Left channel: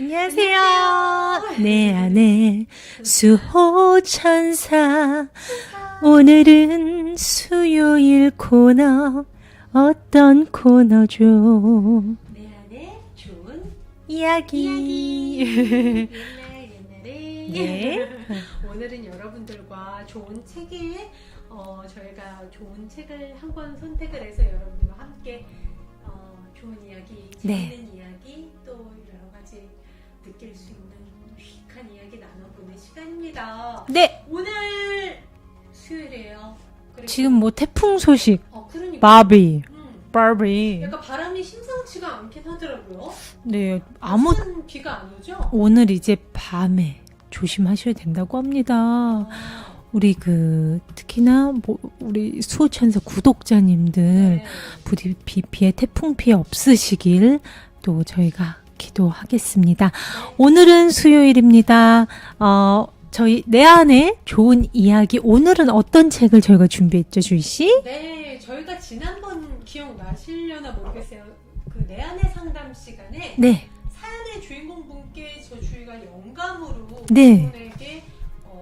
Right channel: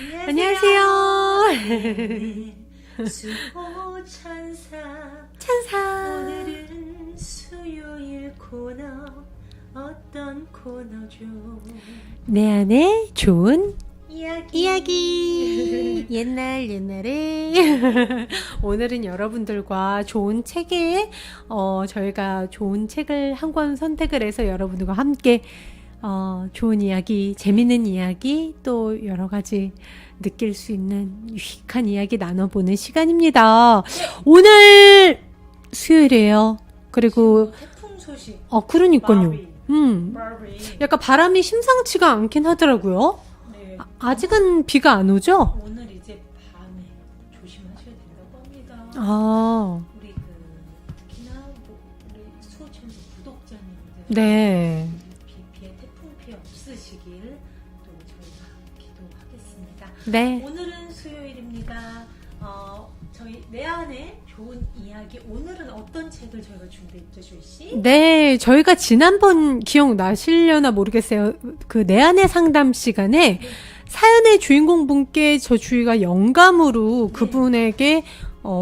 안녕하세요. 내 안에 수호천사. 오늘은 수요일 코너. 어떤 코너죠? 내 안에 좋은 이야기. 옛날에 네. 오늘은 여러분들과 좋은 책에 저희가 좋은 책을 한 권 선택을 해서 여러분들과 함께 좋은 이야기, 재밌는 이야기, 또 여러 가지 느낄 수 있는 유익한 이야기 나눠보는 시간입니다. 네. 오늘 수요일이에요. 그리고 지금 뭐 태풍 소식. 그러니까요. 바비. 약간 바람이 심상치가 않긴 하더라고요. 네. 아직은 비가 안 오죠? 오늘 이제 밤에 조심하셔야 된다고 합니다. 우리 특히나 우리 수호천사 구독자님들 네. 부디 비 피해 태풍 피해 없으시길 또 저희가 기도하겠습니다. 네. 오늘은 수요일입니다. 저희 내 안에 좋은 이야기. 오늘은 어떤 책을 저희가 준비했죠, 주희 씨? 네, 저희가 지난번 기억나시려나 모르겠어요. 내 안의 상담 시간에 네. 사연의 주인공 분께 저 주희가 영감으로 네. 그분에게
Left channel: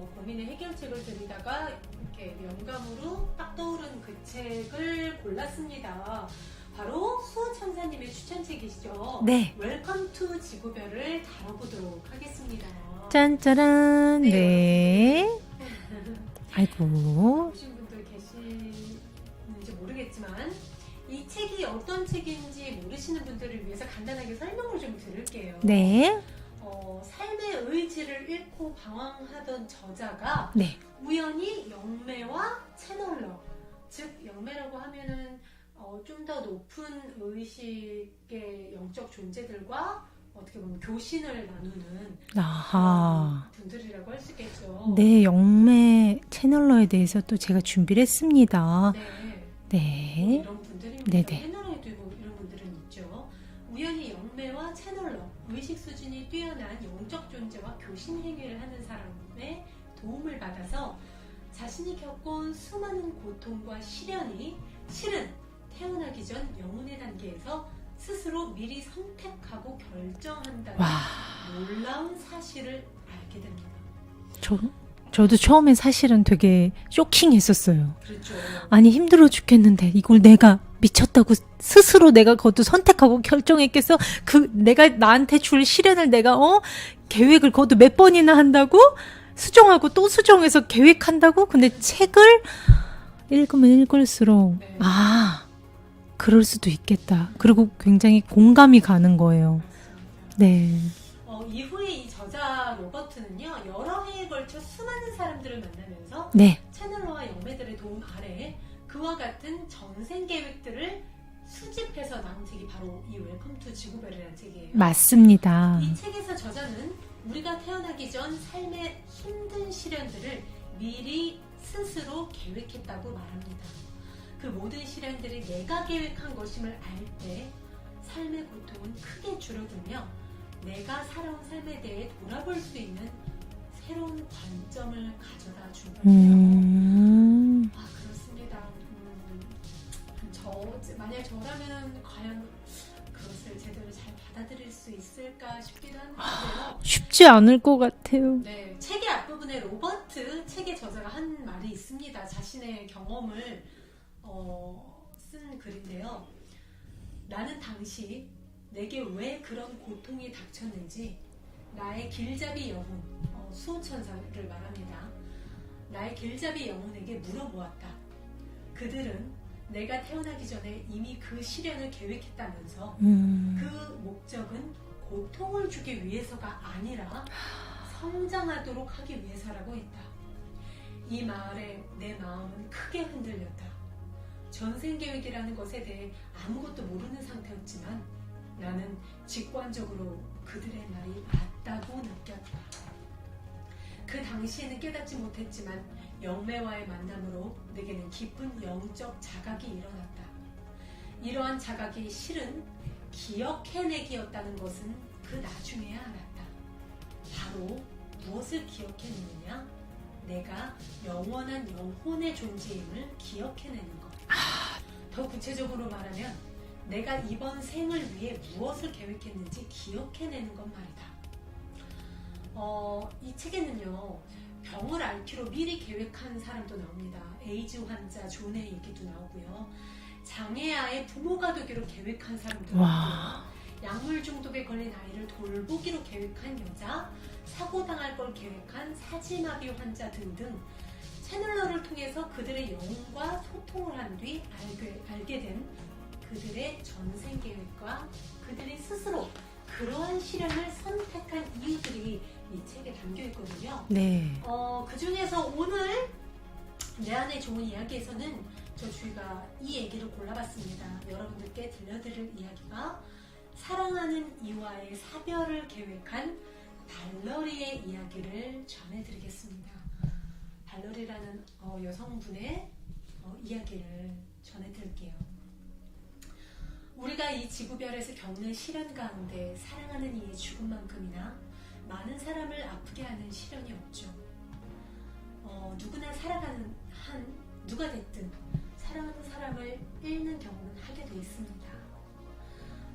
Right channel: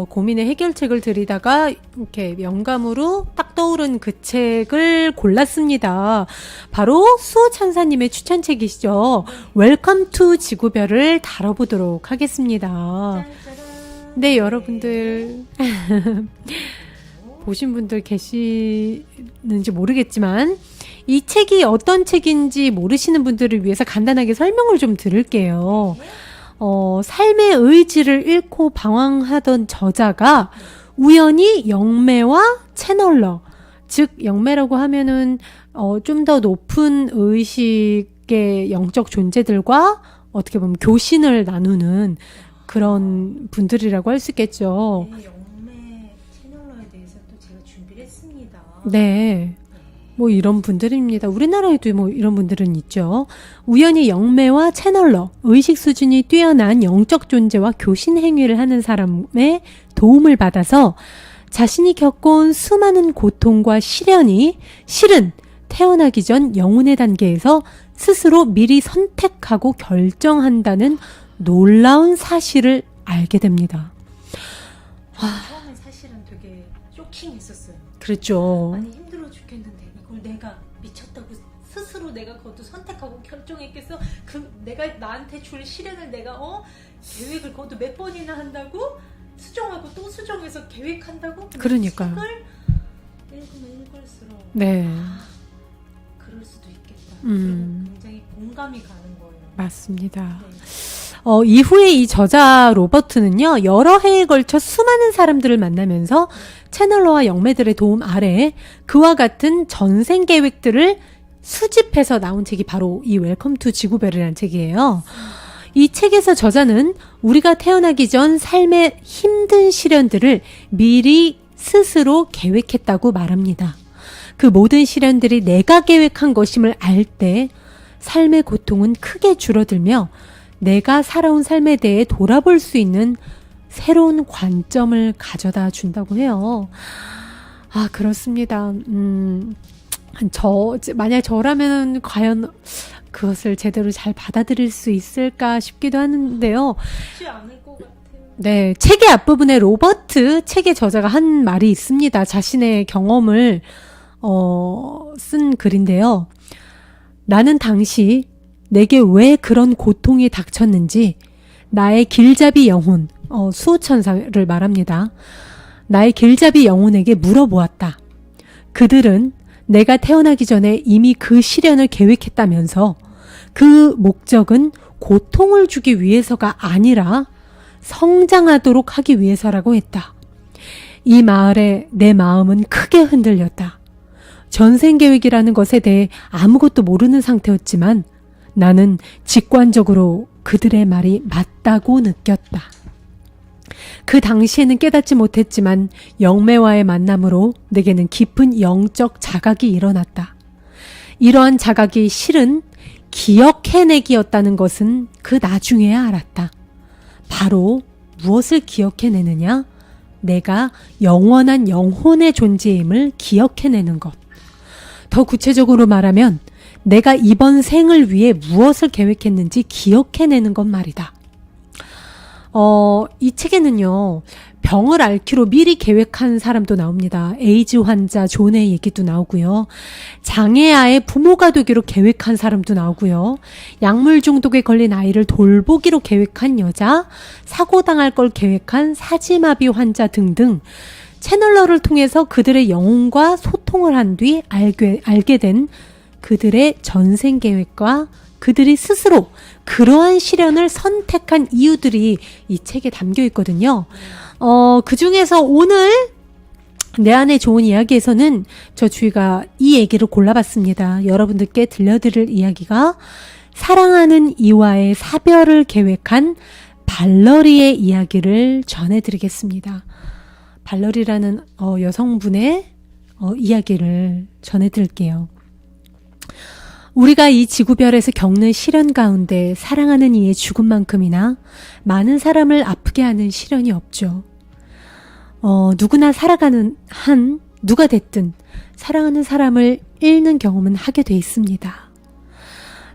고민의 해결책을 드리다가 이렇게 영감으로 딱 떠오른 그 책을 골랐습니다. 바로 수호천사님의 추천책이시죠. 네. 웰컴 투 지구별을 다뤄보도록 하겠습니다. 짠짜란. 네, 여러분들 아이고. 보신 분들 계시는지 모르겠지만 이 책이 어떤 책인지 모르시는 분들을 위해서 간단하게 설명을 좀 드릴게요. 네. 삶의 의지를 잃고 방황하던 저자가 네. 우연히 영매와 채널러, 즉 영매라고 하면은 좀 더 높은 의식의 영적 존재들과 어떻게 보면 교신을 나누는 아하. 그런 분들이라고 할 수 있겠죠. 네, 영매 채널러에 대해서 또 제가 준비를 했습니다. 네. 네. 뭐 이런 분들입니다. 네네. 우리나라에도 뭐 이런 분들은 있죠. 우연히 영매와 채널러, 의식 수준이 뛰어난 영적 존재와 교신 행위를 하는 사람의 도움을 받아서 자신이 겪어온 수많은 고통과 시련이 실은 태어나기 전 영혼의 단계에서 스스로 미리 선택하고 결정한다는 놀라운 사실을 알게 됩니다. 저도 처음엔 사실은 되게 쇼킹했었어요. 그렇죠. 아니 힘들어 죽겠는데 이걸 내가 미쳤다고 스스로 내가 그것도 선택하고 결정했겠어? 내가 나한테 줄 시련을 내가 계획을 그것도 몇 번이나 한다고 수정하고 또 수정해서 계획한다고? 근데 그러니까. 책을 읽으면 읽을수록 네. 그럴 수도 있겠다. 그리고 굉장히 공감이 가는 거예요. 맞습니다. 네. 이후에 이 저자 로버트는요, 여러 해에 걸쳐 수많은 사람들을 만나면서 네. 채널러와 영매들의 도움 아래 그와 같은 전생 계획들을 수집해서 나온 책이 바로 이 웰컴 투 지구별이라는 책이에요. 맞습니다. 이 책에서 저자는 우리가 태어나기 전 삶의 힘든 시련들을 미리 스스로 계획했다고 말합니다. 그 모든 시련들이 내가 계획한 것임을 알 때 삶의 고통은 크게 줄어들며 내가 살아온 삶에 대해 돌아볼 수 있는 새로운 관점을 가져다 준다고 해요. 그렇습니다. 만약 저라면 과연 그것을 제대로 잘 받아들일 수 있을까 싶기도 하는데요. 쉽지 않을 것 같아요. 네, 책의 앞부분에 책의 저자가 한 말이 있습니다. 자신의 경험을 쓴 글인데요. 나는 당시 내게 왜 그런 고통이 닥쳤는지 나의 길잡이 영혼, 수호천사를 말합니다. 나의 길잡이 영혼에게 물어보았다. 그들은 내가 태어나기 전에 이미 그 시련을 계획했다면서 그 목적은 고통을 주기 위해서가 아니라 성장하도록 하기 위해서라고 했다. 이 말에 내 마음은 크게 흔들렸다. 전생계획이라는 것에 대해 아무것도 모르는 상태였지만 나는 직관적으로 그들의 말이 맞다고 느꼈다. 그 당시에는 깨닫지 못했지만 영매와의 만남으로 내게는 깊은 영적 자각이 일어났다. 이러한 자각이 실은 기억해내기였다는 것은 그 나중에야 알았다. 바로 무엇을 기억해내느냐? 내가 영원한 영혼의 존재임을 기억해내는 것. 더 구체적으로 말하면 내가 이번 생을 위해 무엇을 계획했는지 기억해내는 것 말이다. 이 책에는요, 병을 앓기로 미리 계획한 사람도 나옵니다. 에이즈 환자 존의 얘기도 나오고요. 장애아의 부모가 되기로 계획한 사람도 나오고요. 약물 중독에 걸린 아이를 돌보기로 계획한 여자, 사고당할 걸 계획한 사지마비 환자 등등 채널러를 통해서 그들의 영혼과 소통을 한 뒤 알게 된 그들의 전생 계획과 그들이 스스로 그러한 시련을 선택한 이유들이 이 책에 담겨 있거든요. 네. 그 중에서 오늘 내 안에 좋은 이야기에서는 저 주희가 이 얘기를 골라봤습니다. 여러분들께 들려드릴 이야기가 사랑하는 이와의 사별을 계획한 발러리의 이야기를 전해드리겠습니다. 발러리라는 여성분의 이야기를 전해드릴게요. 우리가 이 지구별에서 겪는 시련 가운데 사랑하는 이의 죽음만큼이나 많은 사람을 아프게 하는 시련이 없죠. 누구나 살아가는 누가 됐든 사랑하는 사람을 잃는 경험은 하게 돼 있습니다.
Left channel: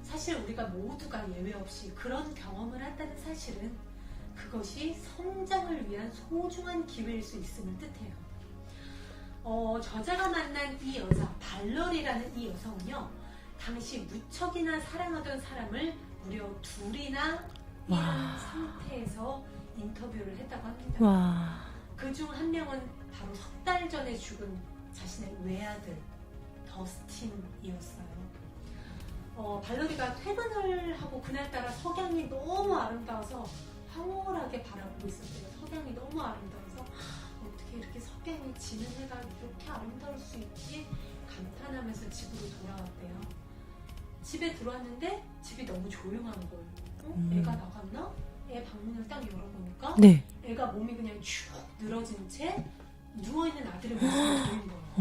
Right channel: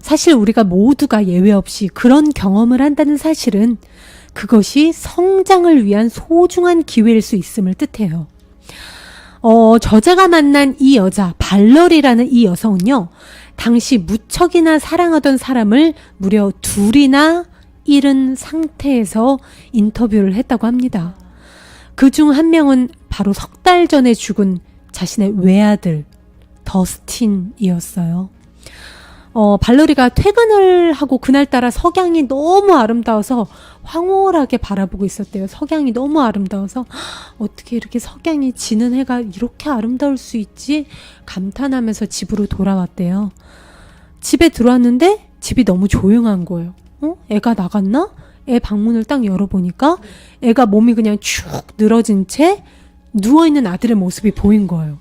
사실 우리가 모두가 예외 없이 그런 경험을 한다는 사실은 그것이 성장을 위한 소중한 기회일 수 있음을 뜻해요. 저자가 만난 이 여자, 발러리라는 이 여성은요, 당시 무척이나 사랑하던 사람을 무려 둘이나 잃은 상태에서 인터뷰를 했다고 합니다. 와. 그중 한 명은 바로 석 달 전에 죽은 자신의 외아들 더스틴이었어요. 발러리가 퇴근을 하고 그날따라 석양이 너무 아름다워서 황홀하게 바라보고 있었대요. 석양이 너무 아름다워서 어떻게 이렇게 석양이 지는 해가 이렇게 아름다울 수 있지? 감탄하면서 집으로 돌아왔대요. 집에 들어왔는데 집이 너무 조용한 거예요. 애가 나갔나? 애 방문을 딱 열어보니까 네. 애가 몸이 그냥 축 늘어진 채 누워있는 아들의 모습이 보인 거예요.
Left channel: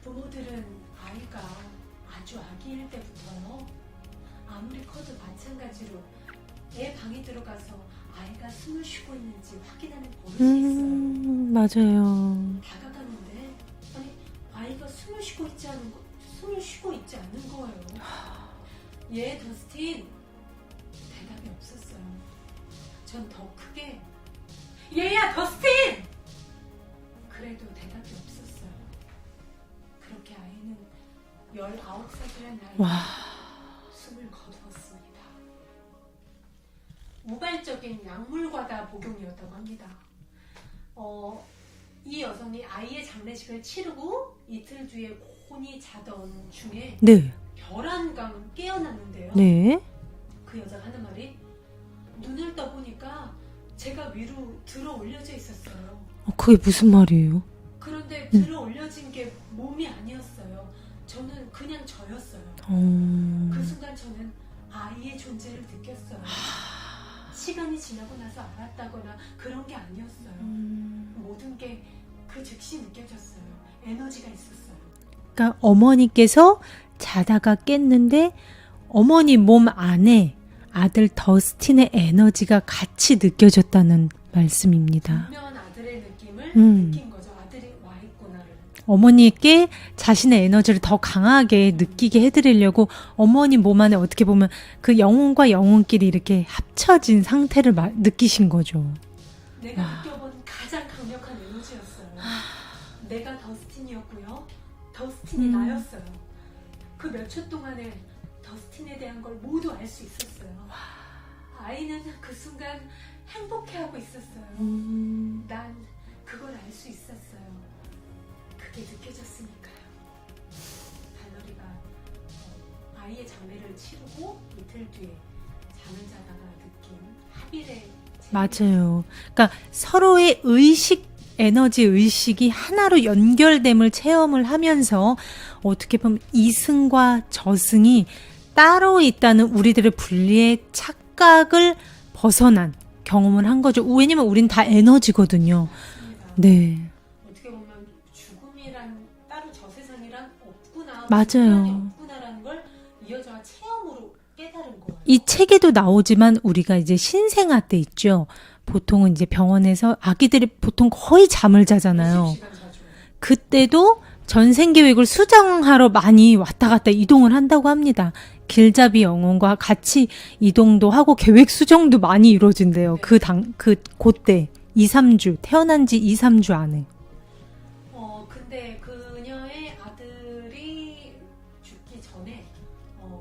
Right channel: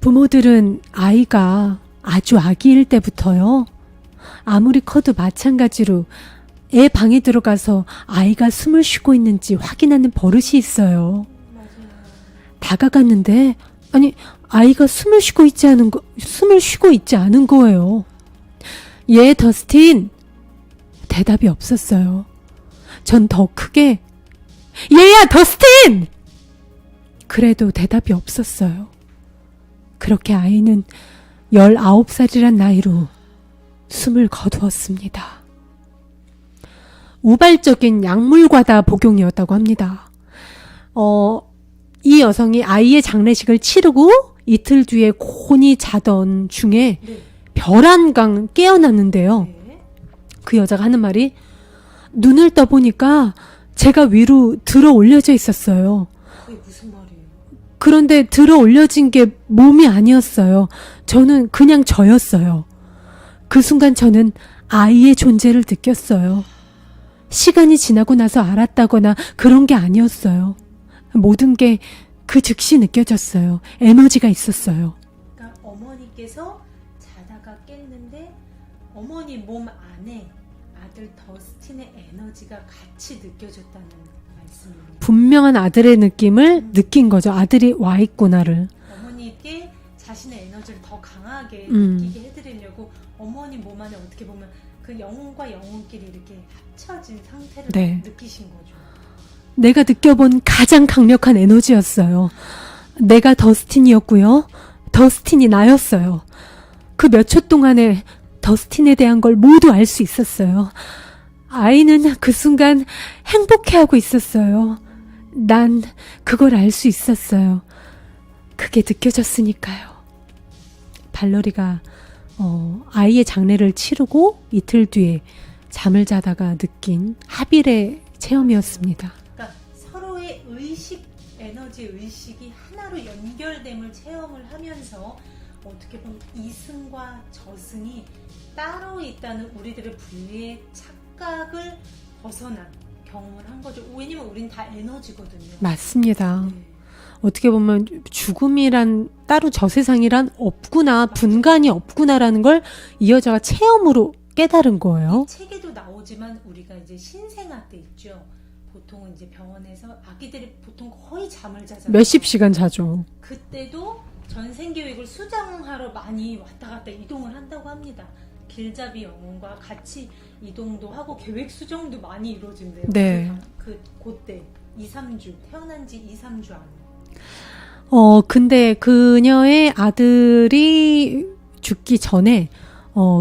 부모들은 아이가 아주 아기일 때부터요, 아무리 커도 마찬가지로 애 방에 들어가서 아이가 숨을 쉬고 있는지 확인하는 버릇이 있어요. 맞아요. 다가갔는데 아니 아이가 숨을 쉬고 있지 않은 거예요. 얘 더스틴, 대답이 없었어요. 전 더 크게 얘야 더스틴! 그래도 대답이 없었어요. 그렇게 아이는 19살이란 나이로 숨을 거두었습니다. 우발적인 약물 과다 복용이었다고 합니다. 이 여성이 아이의 장례식을 치르고 이틀 뒤에 곤히 자던 중에 네. 별안강 깨어났는데요. 네. 그 여자가 하는 말이, 눈을 떠보니까 제가 위로 들어 올려져 있었어요. 그게 무슨 말이에요? 그런데 들어 올려진 게 몸이 아니었어요. 저는 그냥 저였어요. 그 순간 저는 아이의 존재를 느꼈어요. 시간이 지나고 나서 알았다거나 그런 게 아니었어요. 모든 게 그 즉시 느껴졌어요. 에너지가 있었어요. 그러니까 어머니께서 자다가 깼는데 어머니 몸 안에 아들 더스틴의 에너지가 같이 느껴졌다는 말씀입니다. 분명한 아들의 느낌을 네. 느낀 거죠. 아들이 와 있구나를. 어머니께 자신의 에너지를 더 강하게 느끼게 해드리려고 어머니 몸 안에 어떻게 보면 그 영혼과 영혼끼리 이렇게 합쳐진 상태를 네. 느끼신 거죠. 내가 느껴본 가장 강력한 에너지였어요. 내가 더스틴이었고요. 더스틴이 나였어요. 그 몇 초 동안에 더스틴에 대한 걸 모두 알 수 있었어요. 아이는 그 순간 행복해하고 있었어요. 난 그걸 알 수 있었어요. 그게 느껴졌으니까요. 발러리가 아이의 장례를 치르고 이틀 뒤에 잠을 자다가 느낀 합일의 체험이었습니다. 맞아요. 그러니까 서로의 에너지 의식이 하나로 연결됨을 체험을 하면서 어떻게 보면 이승과 저승이 따로 있다는 우리들의 분리의 착각을 벗어난 경험을 한 거죠. 왜냐면 우린 다 에너지거든요. 맞습니다. 네. 어떻게 보면 죽음이란 따로 저 세상이란 없구나, 맞아요. 분간이 없구나라는 걸 이 여자가 체험으로 깨달은 거예요. 이 책에도 나오지만 우리가 이제 신생아 때 있죠. 보통은 이제 병원에서 아기들이 보통 거의 잠을 자잖아요. 몇십 시간 자죠. 그때도 전생 계획을 수정하러 많이 왔다 갔다 이동을 한다고 합니다. 길잡이 영혼과 같이 이동도 하고 계획 수정도 많이 이루어진대요. 네. 그때 2, 3주 태어난 지 2, 3주 안에. 근데 그녀의 아들이 죽기 전에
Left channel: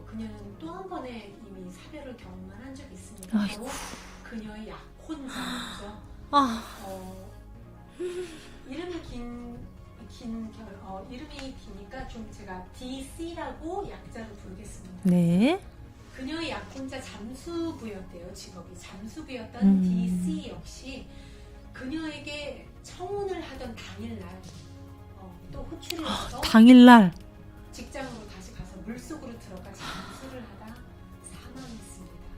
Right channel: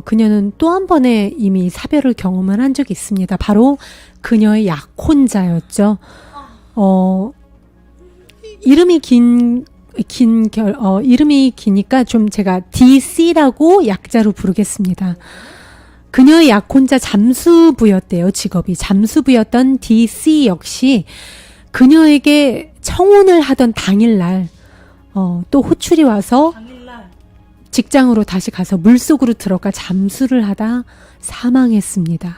그녀는 또 한 번의 이미 사별을 경험을 한 적이 있습니다. 바로 그녀의 약혼자였죠. 이름이 이름이 기니까 좀 제가 DC라고 약자로 부르겠습니다. 네. 그녀의 약혼자 잠수부였대요. 직업이 잠수부였던 DC 역시 그녀에게 청혼을 하던 당일날 또 호출이 와서 당일날 직장으로 다시 가서 물속으로 들어가 잠수를 하다 사망했습니다.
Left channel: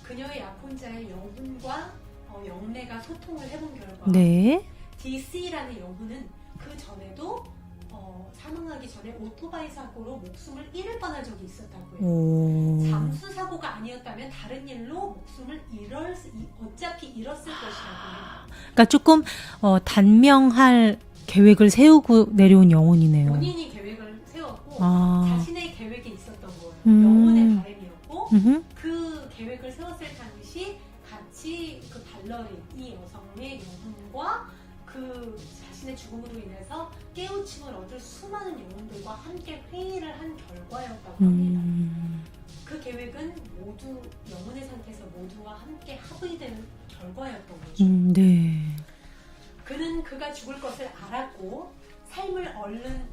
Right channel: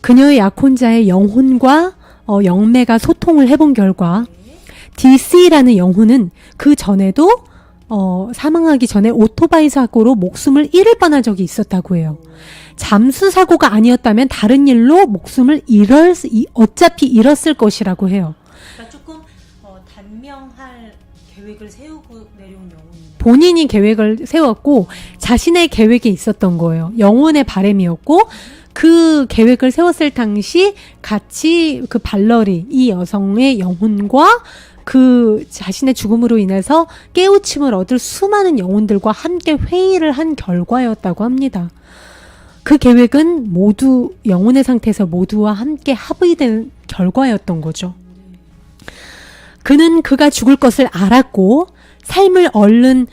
그녀의 약혼자의 영혼과 영매가 소통을 해본 결과 네. DC라는 영혼은 그 전에도 사망하기 전에 오토바이 사고로 목숨을 잃을 뻔한 적이 있었다고 해요. 잠수 사고가 아니었다면 다른 일로 목숨을 어차피 잃었을 것이라고 해요. 그러니까 조금 단명할 계획을 세우고 내려온 영혼이네요. 본인이 계획을 세웠고 아. 자신의 계획이 있었던 거예요. 영혼의 바람이었고 그 계획을 세웠을 당시 같이 그 발러리 이 여성의 영혼과 그 자신의 죽음으로 인해서 깨우침을 얻을 수많은 영혼들과 함께 회의를 한 결과였다고 합니다. 그 계획은 모두 영혼의 상태에서 모두와 함께 합의된 결과였던 거죠. 네. 그는 그가 죽을 것을 알았고 삶을 얼른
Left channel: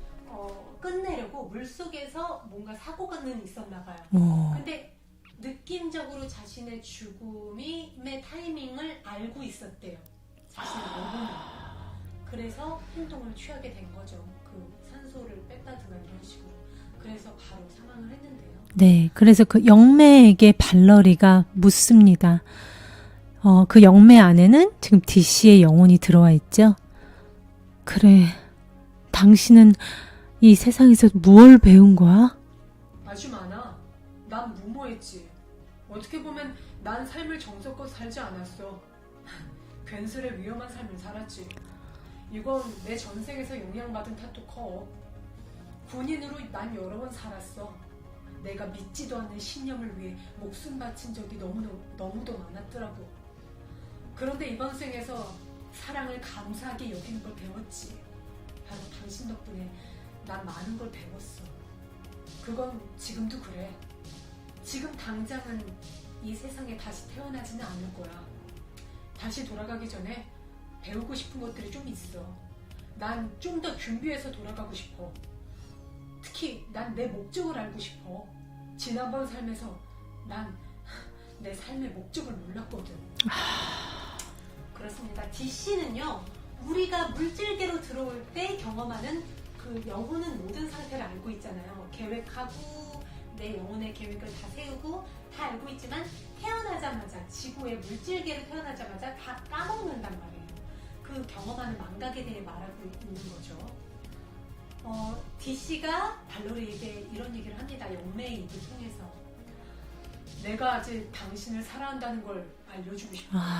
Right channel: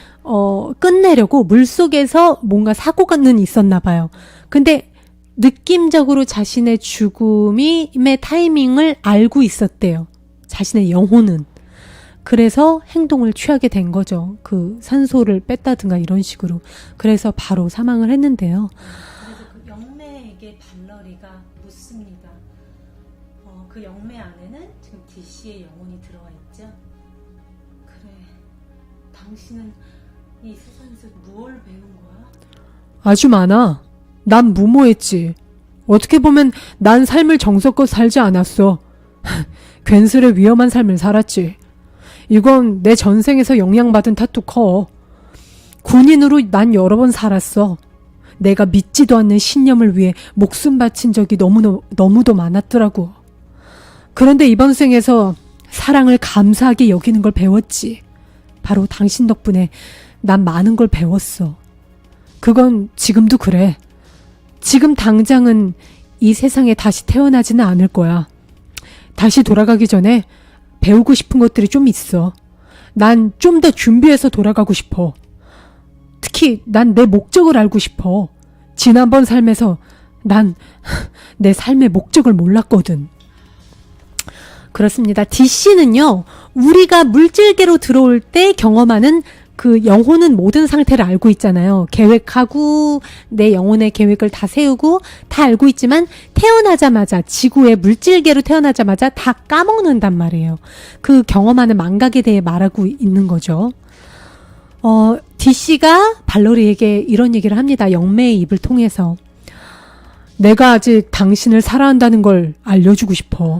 끝내려고 물속에서 뭔가 사고는 있었나 봐요. 근데 느낌적으로 자신의 죽음의 타이밍을 알고 있었대요. 자신의 영혼은. 그래서 행동을 취하게 된 거죠. 그 산소를 뺐다든가 이런 식으로. 그래서 바로 사망을 했는데요. 네. 그래서 그 영매에게 발러리가 묻습니다. 그 영매 안에는 지금 DC의 영혼이 들어와 있죠. 그래, 당신은 이 세상에서 무얼 배운 거야? 아주 많아. 난 무모했지. 어떻게 보면 난 삶을 정성껏 살지 않았어. 괜스레 위험한 삶을 살았지. 이건 내 전생에서 영향받은 탓도 커. 군인으로 난 여러 번 살았어. 내가 믿지도 않는 신념을 위해 목숨 바친 적이 너무도 많았더라고. 그런데 이번 생에서 사랑을 감사하게 여기는 걸 배웠지. 바로 당신 덕분에 난 많은 걸 배웠어. 그건 지금도 그래. 지금 당장은 이 세상에 다시 태어나지는 않을 거야. 다시 돌아가기 전에 배우고 싶은 것들이 좀 있어. 난 좀 더 준비해서 돌아가고 싶어. 특히 난 내 목적을 알고 싶어. 지난번 삶에서 난 내 삶의 목적을 몰랐거든. 그렇습니다. DC는요, 우리가 물질계로 들어올 때 경험하는 그 영혼은 모든 상태를 알고 있잖아요. 계획하고 내 영혼의 계획을 다 세우고 다 알고 있지만 태어나자마자 지구의 물질계로 태어나자마자 다 까먹는단 말이에요. 그 경험하는 망각에 대해 말하고 있는 거죠. DC가 발로리에게 이런 얘기를 합니다. 영매의 입을 통해서. 내가 아직 당신을 사랑한다는 걸 알려주고 싶어.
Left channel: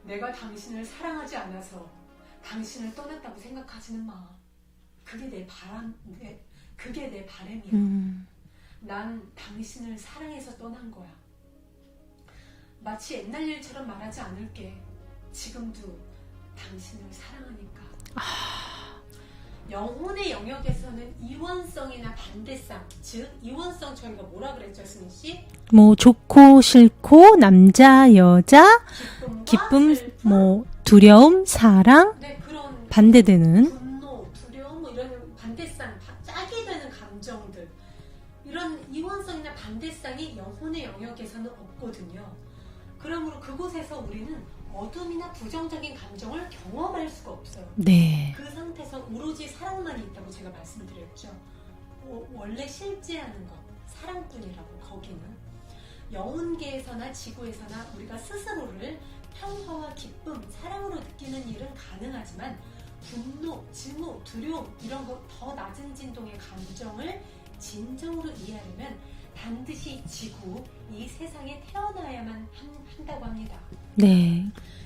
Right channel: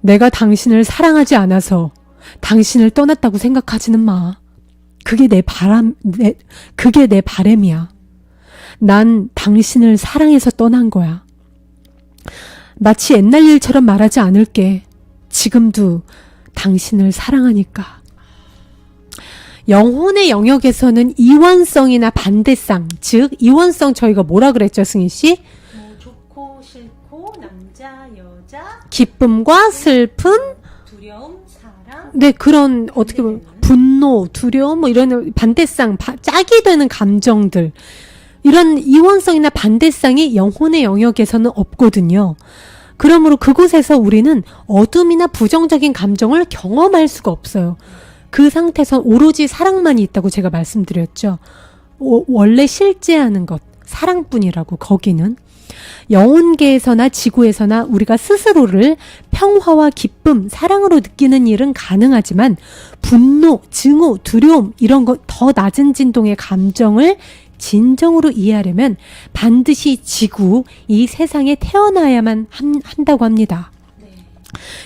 내가 당신을 사랑하지 않아서 당신을 떠났다고 생각하지는 마. 그게 내 바람이야. 난 당신을 사랑해서 떠난 거야. 마치 옛날 일처럼 말하지 않을게. 지금도 당신을 사랑하니까. 영혼의 영역에서는 이원성이나 반대성, 즉 이원성 저희가 뭐라 그랬죠, 승희 씨? 뭐 좋고 싫고 남자 여자 기쁨과 기쁨, 슬픔, 뭐 두려움 사랑 네, 그런 반대되는 분노, 두려움 뭐 이런 반대성, 짝이 되는 감정들, 이런 이원성이나 반대성이 영혼의 영역에서는 없거든요. 그러므로 그곳에서 우리는 어둠이나 부정적인 감정을 경험할 수가 없어요. 네. 그 상태에서 오로지 사랑만이 있다고 제가 말씀드렸죠. 원래 실제하는 것, 사랑뿐이라고. 거기는 영혼계에서나 지구에서나 우리가 스스로를 평화와 기쁨, 사랑으로 느끼는 일은 가능하지만 분노, 증오, 두려움 이런 것 더 낮은 진동의 감정을 진정으로 이해하려면 반드시 지구, 이 세상에 태어나야만 한다고 합니다. 네.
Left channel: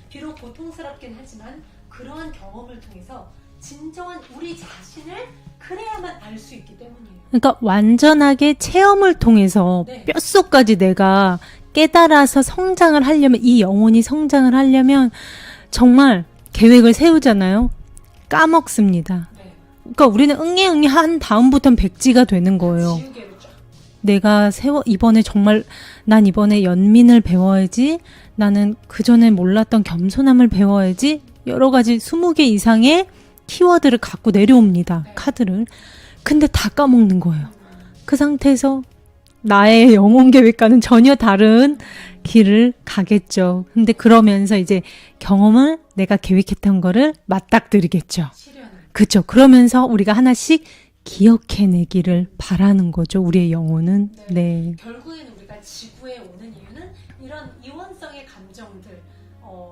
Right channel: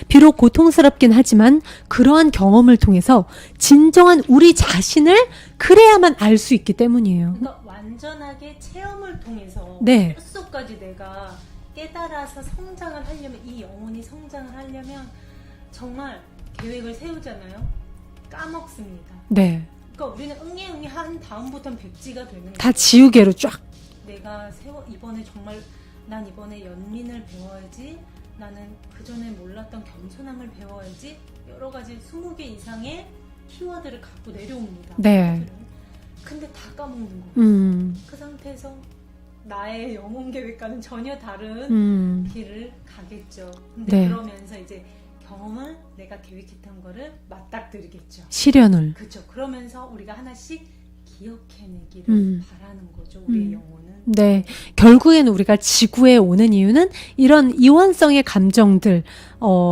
비록 고통스럽긴 하지만 그러한 경험을 통해서 진정한 우리 자신을 그래야만 알 수 있기 때문이에요. 그러니까 완전하게 체험을 통해서 네. 뼛속까지 내가 깨달아서 성장을 하려면, 이 영혼이 성장을 하려면 정말 계획을 세우잖아요. 까먹습니다. 네. 그러니까 우리는 응애 한 다음부터는 백지가 되는 다 거예요. 지우개로 쫙. 내가 이번에 정말 난 이번에 연민을 배워야지, 나는 그전에 몰랐던 겸손함을 배워야지, 여러 가지 20개 이상의 키워드를 갖고 내려옵니다. 네. 카드를. 근데 다 까먹는 거예요. 그 상태에서 나의 영혼 계획과는 전혀 다른 길을 가겠죠. 근데 네. 그러면서 이제 경험을 내가 계획했던 거를 맞닥뜨리겠죠. 시련을. 그렇죠. 그러면서 우리가 하나씩 기억해내기를 바라는 거죠. 우리의 영혼은. 네. 결국엔 우리가 지구에 오는 이유는 이런 이원성의 감정들,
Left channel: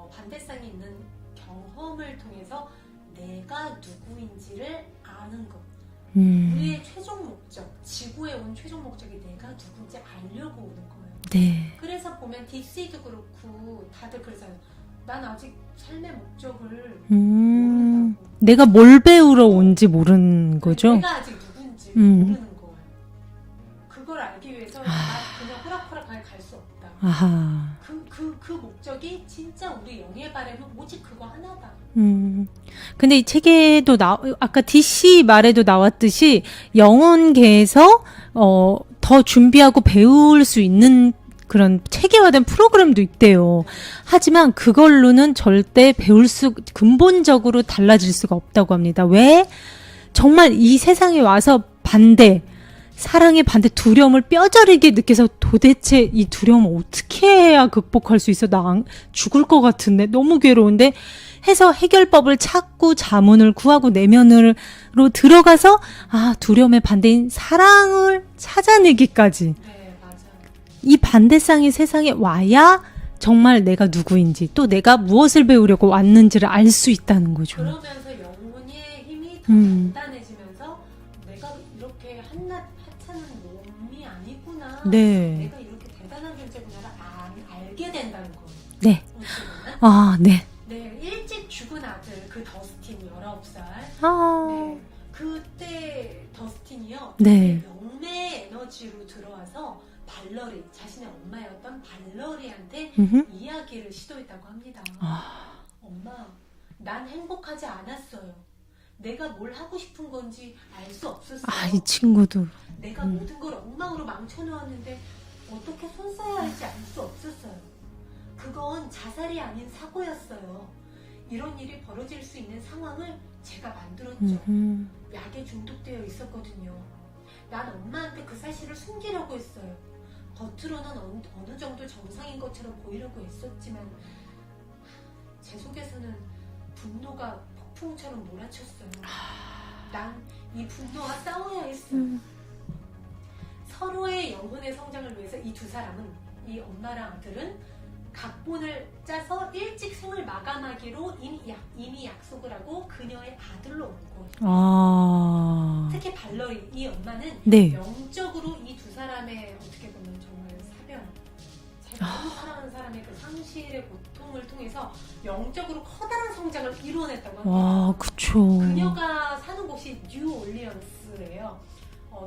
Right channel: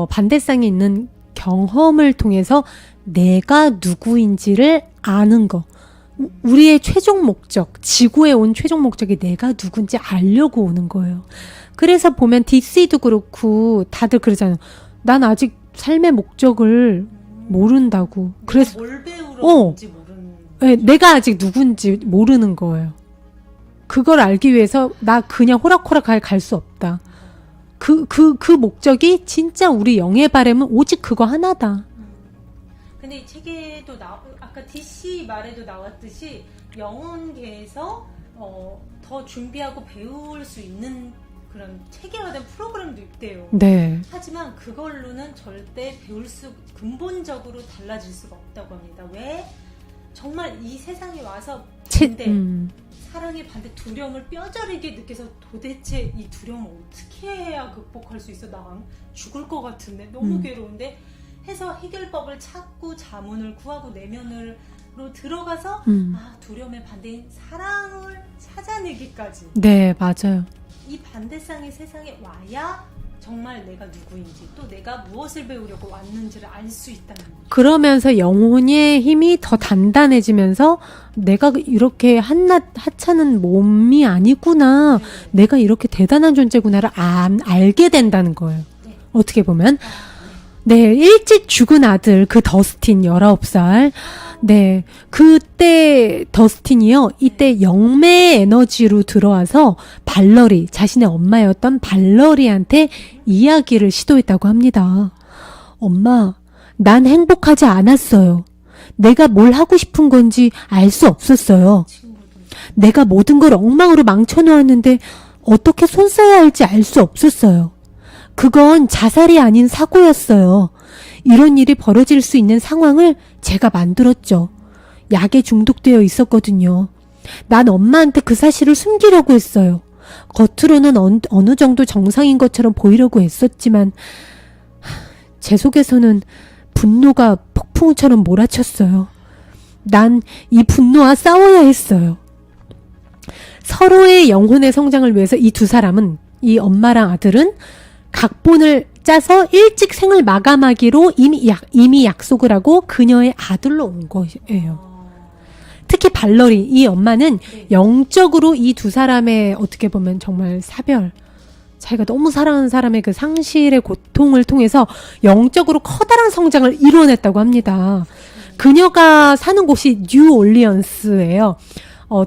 반대성이 있는 경험을 통해서 내가 누구인지를 아는 거. 우리의 최종 목적, 지구에 온 최종 목적이 내가 누군지 알려고 오는 거예요. 네. 그래서 보면 DC도 그렇고 다들 그러잖아요. 난 아직 삶의 목적을 모른다고. 내가 뭘 배우러 어. 온지 모르는 네, 거죠. 내가 아직 누군지 모르는 거예요. 그걸 알기 위해서 나 그냥 호락호락하게 갈 수 없다. 아하. 그 목적이 진짜 우리 영의 바람은 오직 그거 하나다. 근데 이 책에도 아까 DC 말에도 나왔듯이 영혼계에서 더 준비하고 배울 수 있는 그런 체계화된 프로그램도 있대요. 네. 하지만 그걸로는 절대 근본적으로 달라질 수가 없다고 합니다. 왜? 정말 이 세상에 와서 반대, 사랑의 반대, 두려움을 뼈저리게 느껴서 도대체 이 두려움을 어떻게 해야 극복할 수 있어? 나 죽을 것 같은데, 너무 괴로운데 해서 해결법을 찾고 자문을 구하고 내면으로 들어가서 두려움의 반대인 사랑을 찾아내기까지. 네, 맞아요. 이 반대쌍이 세상에 와야 정말 내가 누구인지, 또 내가 무엇을 배우려고 왔는지를 알 수 있다는 거죠. 그러면서 영혼의 힘이 더 단단해지면서 내가 이렇게 한낱 하찮은 몸이 아니구나. 네. 내가 이렇게 대단한 존재구나를 알게 된다는 거예요. 네. 어떻게 보면. 네. 네, 일찍 죽은 아들, 그 더스틴 19살. 네. 그때 더스틴이요. 이때 네. 영매의 에너지로 들어와서 발러리, 자신의 엄마였던 발러리한테 이야기를 시도했다고 합니다. 엄마, 난 행복하지 않았어요. 내가 뭘 하고 싶은 건지 알 수 없었어요. 친구도. 내가 모든 걸 엉망으로 망쳐놓았는데 어떻게 손 써야 할지 알 수 없었어요. 그건 자살이 아닌 사고였어요. 이런 일이 벌어질 수 있는 상황을 제가 만들었죠. 약에 중독되어 있었거든요. 난 엄마한테 그 사실을 숨기려고 했어요. 겉으로는 어느 정도 정상인 것처럼 보이려고 했었지만 제 속에서는 분노가 폭풍처럼 몰아쳤어요. 난 이 분노와 싸워야 했어요. 서로의 영혼의 성장을 위해서 이 두 사람은, 이 엄마랑 아들은 각본을 짜서 일찍 생을 마감하기로 이미 약속을 하고 그녀의 아들로 온 것이에요. 특히 발러리, 이 엄마는 네. 영적으로 이 두 사람의 어떻게 보면 정말 사별, 자기가 너무 사랑하는 사람의 그 상실의 고통을 통해서 영적으로 커다란 성장을 이뤄냈다고 합니다. 그쵸. 그녀가 사는 곳이 뉴올리언스예요.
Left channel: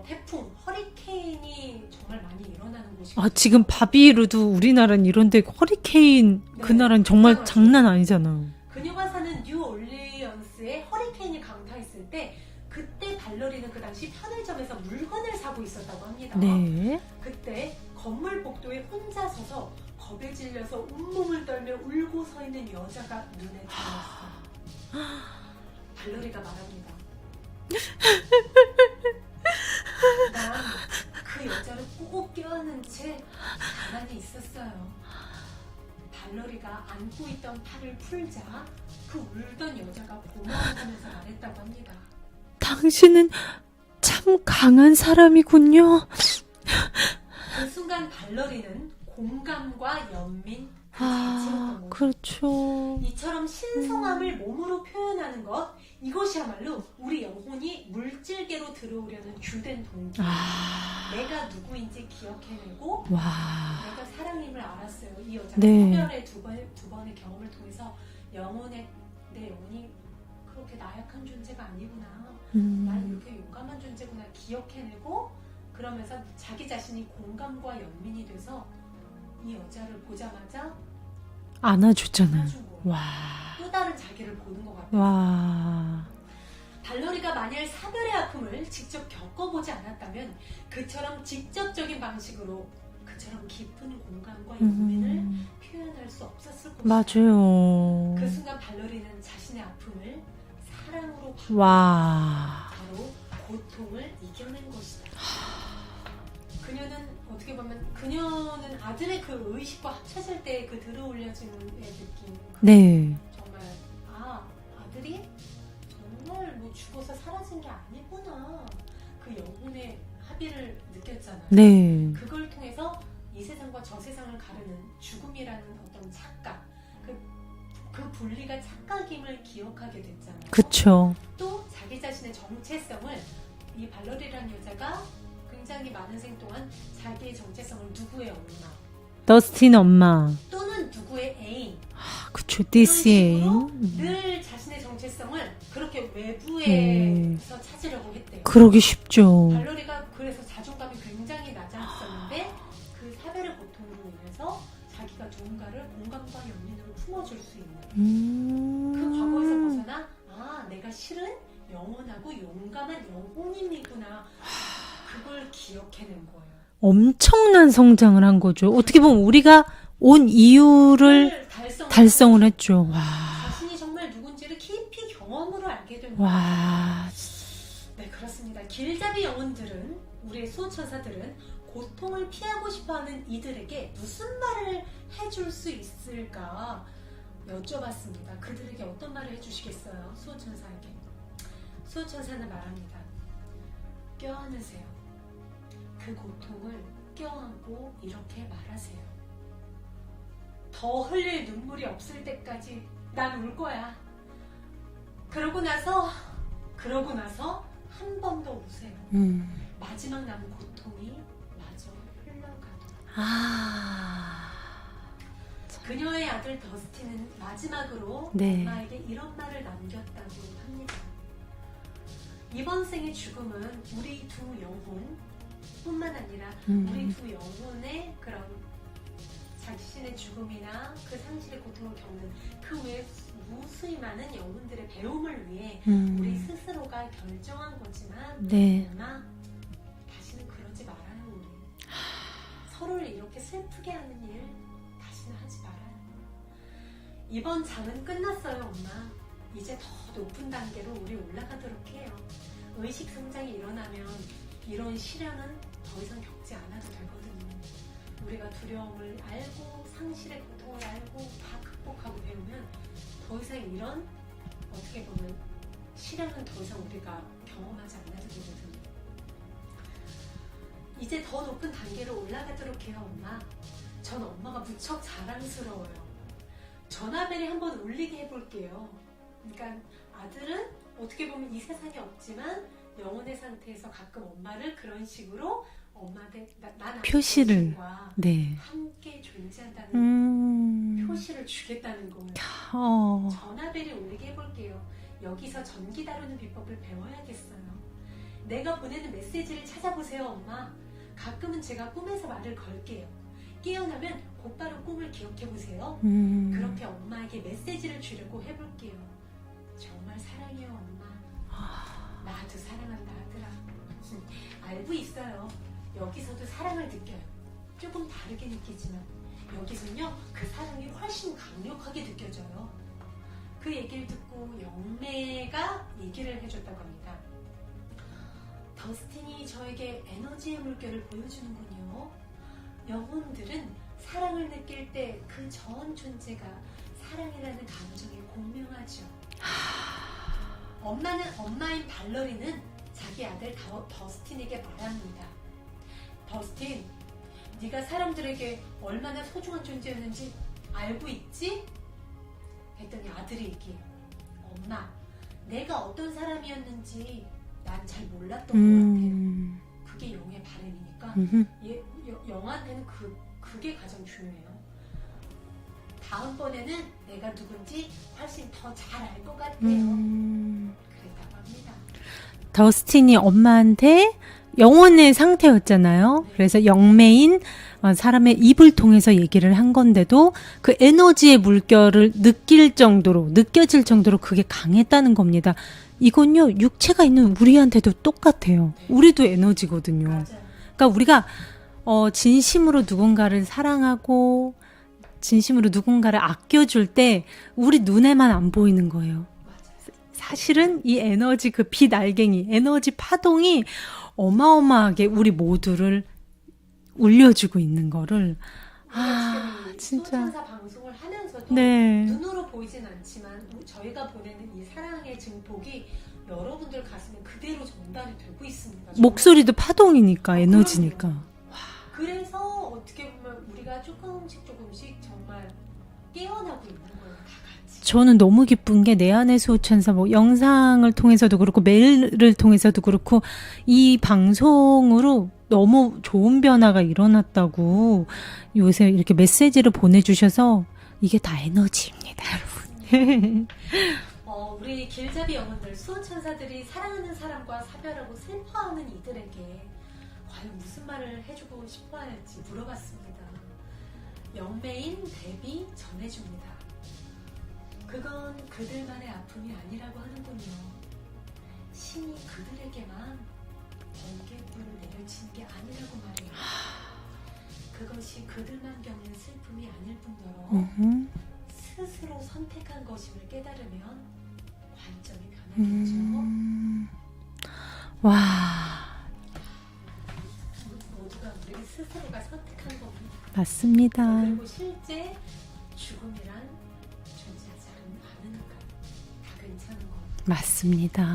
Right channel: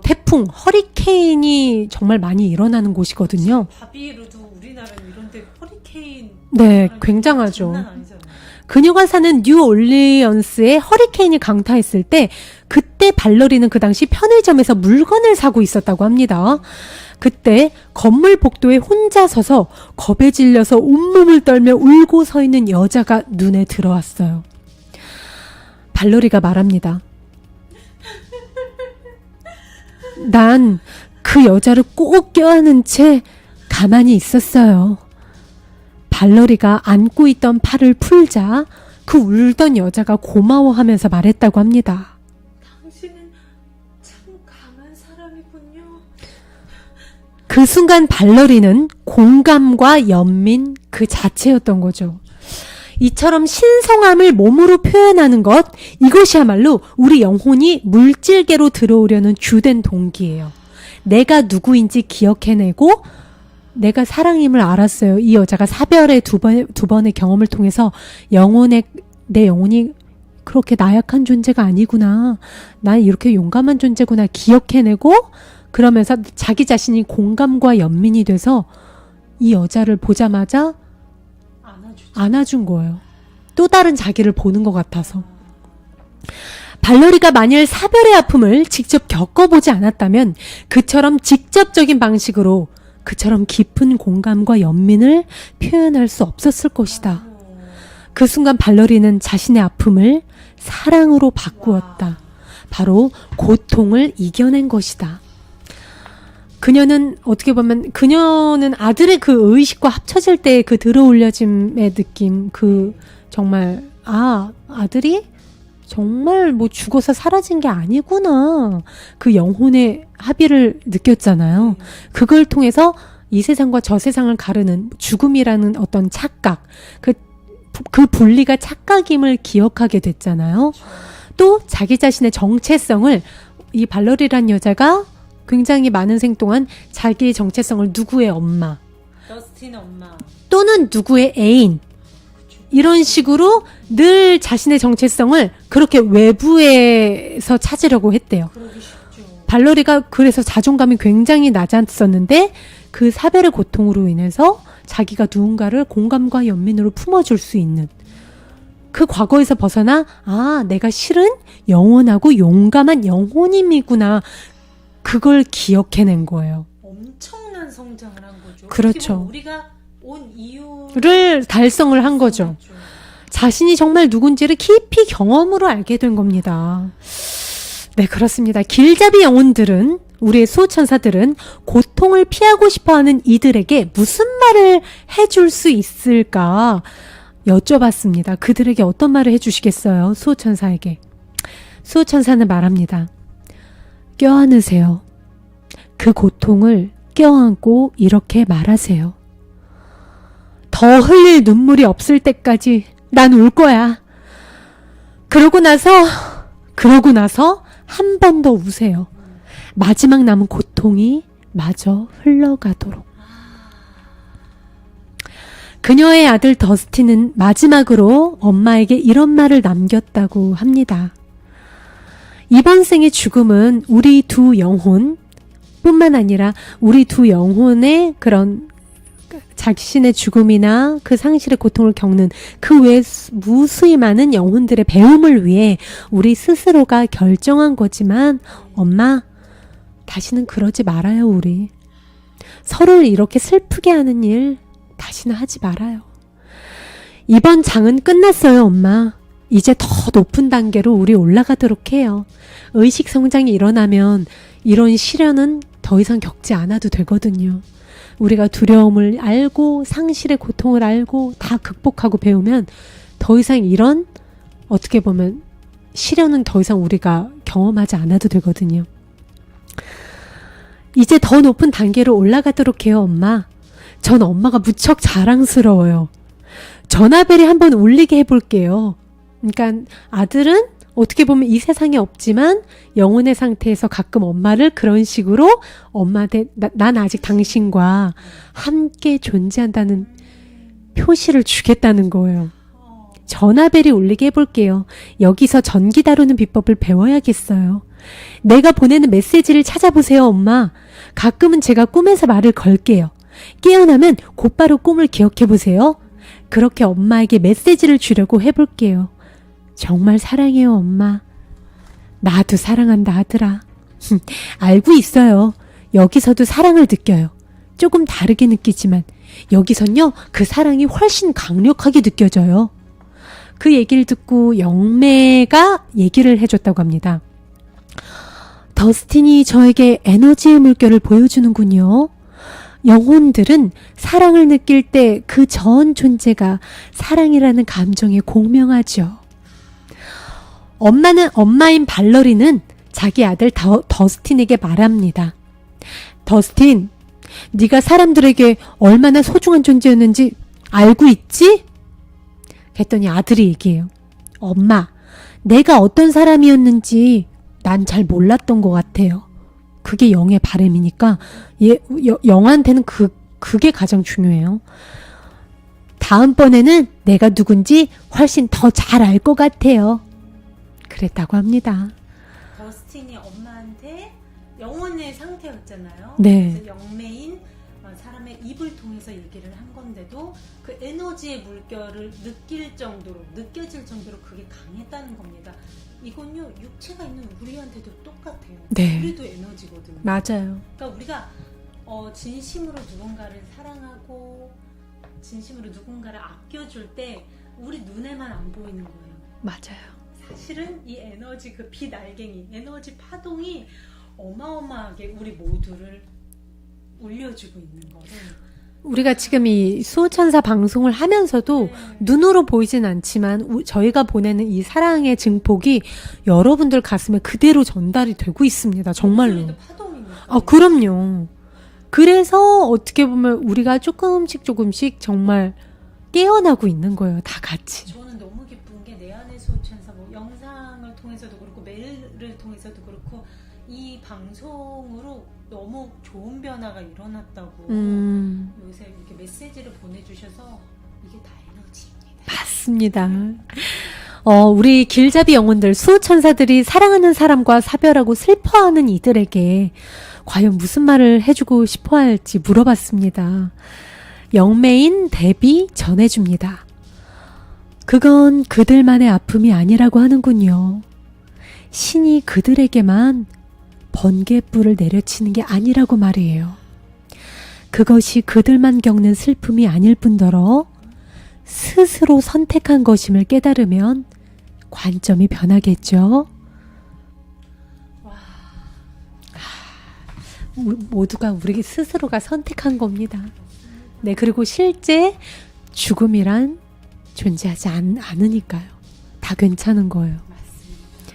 태풍, 허리케인이 정말 많이 일어나는 곳이거든요. 지금 바비루도 우리나라는 이런데 허리케인, 네, 우리나라는 정말 굉장하죠. 장난 아니잖아요. 그녀가 사는 뉴올리언스에 허리케인이 강타했을 때 그때 발러리는 그 당시 편의점에서 물건을 사고 있었다고 합니다. 네. 그때 건물 복도에 혼자 서서 겁에 질려서 온몸을 떨며 울고 서 있는 여자가 눈에 들어왔어요. 발러리가 말합니다. 난 그 여자를 꼭 껴안은 채 가만히 있었어요. 발러리가 안고 있던 팔을 풀자 그 울던 여자가 고마워하면서 말했다고 합니다. 당신은 참 강한 사람이군요. 그 순간 발러리는 공감과 연민 그 자체였던 거죠. 그렇죠. 이처럼 신성함을 몸으로 표현하는 것, 이것이야말로 우리 영혼이 물질계로 들어오려는 주된 동기예요. 내가 누구인지 기억해내고 내가 사랑임을 알았어요. 이 여자가 네. 사별의 두 번의 경험을 통해서 내 영혼이 그렇게 나약한 존재가 아니구나. 난 이렇게 용감한 존재구나 기억해내고 그러면서 자기 자신이 공감과 연민이 돼서 이 여자를 보자마자 안아준 거예요. 또 다른 자기를 보는 것 같아서. 발로리가 만일 사별의 아픔을 직접 겪어보지 않았다면 그처럼 직접적인 방식으로 그처럼 깊은 공감과 연민을 표현할 수 없었을 것이다. 맞아요. 그 순간 발로리는 자신의 아픔을 사랑으로 바꾸었다. 바로 고통을 이겨낸 것이다. 그녀는 어떻게 보면 그녀는 아들의 그 의식과 합쳐질 때 그 들어올려짐의 느낌, 네. 정말 아들이 정말 뭐 죽어서 사라진 게 아니구나. 그 영혼의 합의를 느꼈잖아요. 네. 그걸 통해서 이 세상과 저 세상을 가르는 죽음이라는 어떤 착각, 그 분리가 착각임을 기억하게 됐잖아요. 그렇죠. 또 자기 자신의 정체성을 이 발러리란 여자가 굉장히 많은 생 동안 자기의 정체성을 누구의 엄마 더스틴 엄마. 또는 누구의 애인 그쵸. 이런 DC. 식으로 늘 자신의 정체성을 그렇게 외부에서 찾으려고 했대요. 그러기 쉽죠. 발러리가 그래서 자존감이 굉장히 낮았었는데 그 사별의 고통으로 인해서 자기가 누군가를 공감과 연민으로 품어줄 수 있는 그 과거에서 벗어나 내가 실은 영원하고 용감한 영혼임이구나. 그걸 기억해낸 거예요. 엄청난 성장을 한 거죠. 그렇죠. 어떻게 보면 우리가 온 이유를 달성을 한 거죠. 했죠. 와. 자신이 정말 누군지를 깊이 경험으로 알게 된 겁니다. 네, 그렇습니다. 길잡이 영혼들은 우리의 수호천사들은 고통을 피하고 싶어하는 이들에게 무슨 말을 해줄 수 있을까 여쭤봤습니다. 그들에게 어떤 말을 해주시겠어요? 수호천사에게. 수호천사는 말합니다. 껴안으세요. 그 고통을 껴안고 이렇게 말하세요. 더 흘릴 눈물이 없을 때까지 난 울 거야. 그러고 나서 한 번 더 우세요. 마지막 남은 고통이 마저 흘러가도록. 그녀의 아들 더스틴은 마지막으로 엄마에게 이런 말을 남겼다고 합니다. 이번 생의 죽음은 우리 두 영혼 뿐만 아니라 우리 두 영혼의 그런 자신의 죽음이나 그 상실의 고통을 겪는 그 외 무수히 많은 영혼들의 배움을 위해 우리 스스로가 결정한 거지만 네. 엄마 다시는 그러지 말아요. 우리 서로를 이렇게 슬프게 하는 일 다시는 하지 말아요. 이번 장은 끝났어요. 엄마 이제 더 높은 단계로 우리 올라가도록 해요. 의식 성장이 일어나면 이런 시련은 더 이상 겪지 않아도 되거든요. 우리가 두려움을 알고 상실의 고통을 알고 다 극복하고 배우면 더 이상 이런 어떻게 보면 시련은 더 이상 우리가 경험하지 않아도 되거든요. 이제 더 높은 단계로 올라가도록 해요. 엄마. 전 엄마가 무척 자랑스러워요. 전화벨이 한번 울리게 해볼게요. 그러니까 아들은 어떻게 보면 이 세상에 없지만 영혼의 상태에서 가끔 엄마를 그런 식으로 엄마한테 난 아직 표시를. 당신과 네. 함께 존재한다는 표시를 주겠다는 거예요. 전화벨이 울리게 해볼게요. 여기서 전기 다루는 비법을 배워야겠어요. 내가 보내는 메시지를 찾아보세요, 엄마. 가끔은 제가 꿈에서 말을 걸게요. 깨어나면 곧바로 꿈을 기억해보세요. 그렇게 엄마에게 메시지를 주려고 해볼게요. 정말 사랑해요, 엄마. 나도 사랑한다, 아들아. 알고 있어요. 여기서도 사랑을 느껴요. 조금 다르게 느끼지만 여기선요, 그 사랑이 훨씬 강력하게 느껴져요. 그 얘기를 듣고 영매가 얘기를 해줬다고 합니다. 더스틴이 저에게 에너지의 물결을 보여주는군요. 영혼들은 사랑을 느낄 때 그 전 존재가 사랑이라는 감정에 공명하죠. 엄마인 발러리는 자기 아들 더스틴에게 말합니다. 더스틴, 네가 사람들에게 얼마나 소중한 존재였는지 알고 있지? 했더니 아들이 얘기해요. 엄마, 내가 어떤 사람이었는지 난 잘 몰랐던 것 같아요. 그게 영의 바람이니까 영한테는 그게 가장 중요해요. 다음번에는 내가 누군지 훨씬 더 잘 알 것 같아요. 그랬다고 합니다. 더스틴이 엄마한테 영혼의 상태였잖아요. 네. 그래서 영매인 사람의 입을 통해서 얘기를 한 건데도 그 에너지의 물결을 느껴질 정도로 그게 강했다는 겁니다. 이건요, 육체가 있는 우리한테도 똑같아요. 네. 우리도 에너지거든요. 맞아요. 그러니까 우리가 진심으로 누군가를 사랑하고 진심으로 누군가를 아껴줄 때 우리 눈에만 안 보이는 거예요. 맞아요. 사실은 이 에너지, 그 빛 알갱이, 에너지 파동이 어마어마하게 우리 모두를 울려주고 있는 거를 우리가 지금 이 진짜. 수호천사 방송을 하면서도 네. 눈으로 보이진 않지만 저희가 보내는 이 사랑의 증폭이 여러분들 가슴에 그대로 전달이 되고 있습니다. 정말로. 목소리도 파동이니까. 에너지니까. 그럼요. 그래서 어떻게 보면 우리가 조금씩 정말 깨어나고 있는 거예요. 다 같이. 저는 너무 기쁜 게 내 안의 수호천사 뭐 영상을 통해서도 그렇고 메일을 통해서도 그렇고 이 방송으로 너무 좋은 변화가 일어났다고 요새 이렇게 메시지를 보내주셔서 이게 다 에너지입니다. 맞습니다. 우리 길잡이 영혼들, 수호천사들이 사랑하는 사람과 사별하고 슬퍼하는 이들에게 과연 무슨 말을 해주고 싶어 할지 물어봤습니다. 영매인 데비 전해줍니다. 그건 그들만의 아픔이 아니라고 하는군요. 신이 그들에게만 번개불을 내려치는 게 아니라고 말이에요. 그것이 그들만 겪는 슬픔이 아닐 뿐더러 스스로 선택한 것임을 깨달으면 관점이 변하겠죠. 와, 모두가 우리 스스로가 선택한 겁니다. 맞습니다. 네, 그리고 실제 죽음이란 존재하지 않으니까요. 다 괜찮은 거예요. 맞습니다.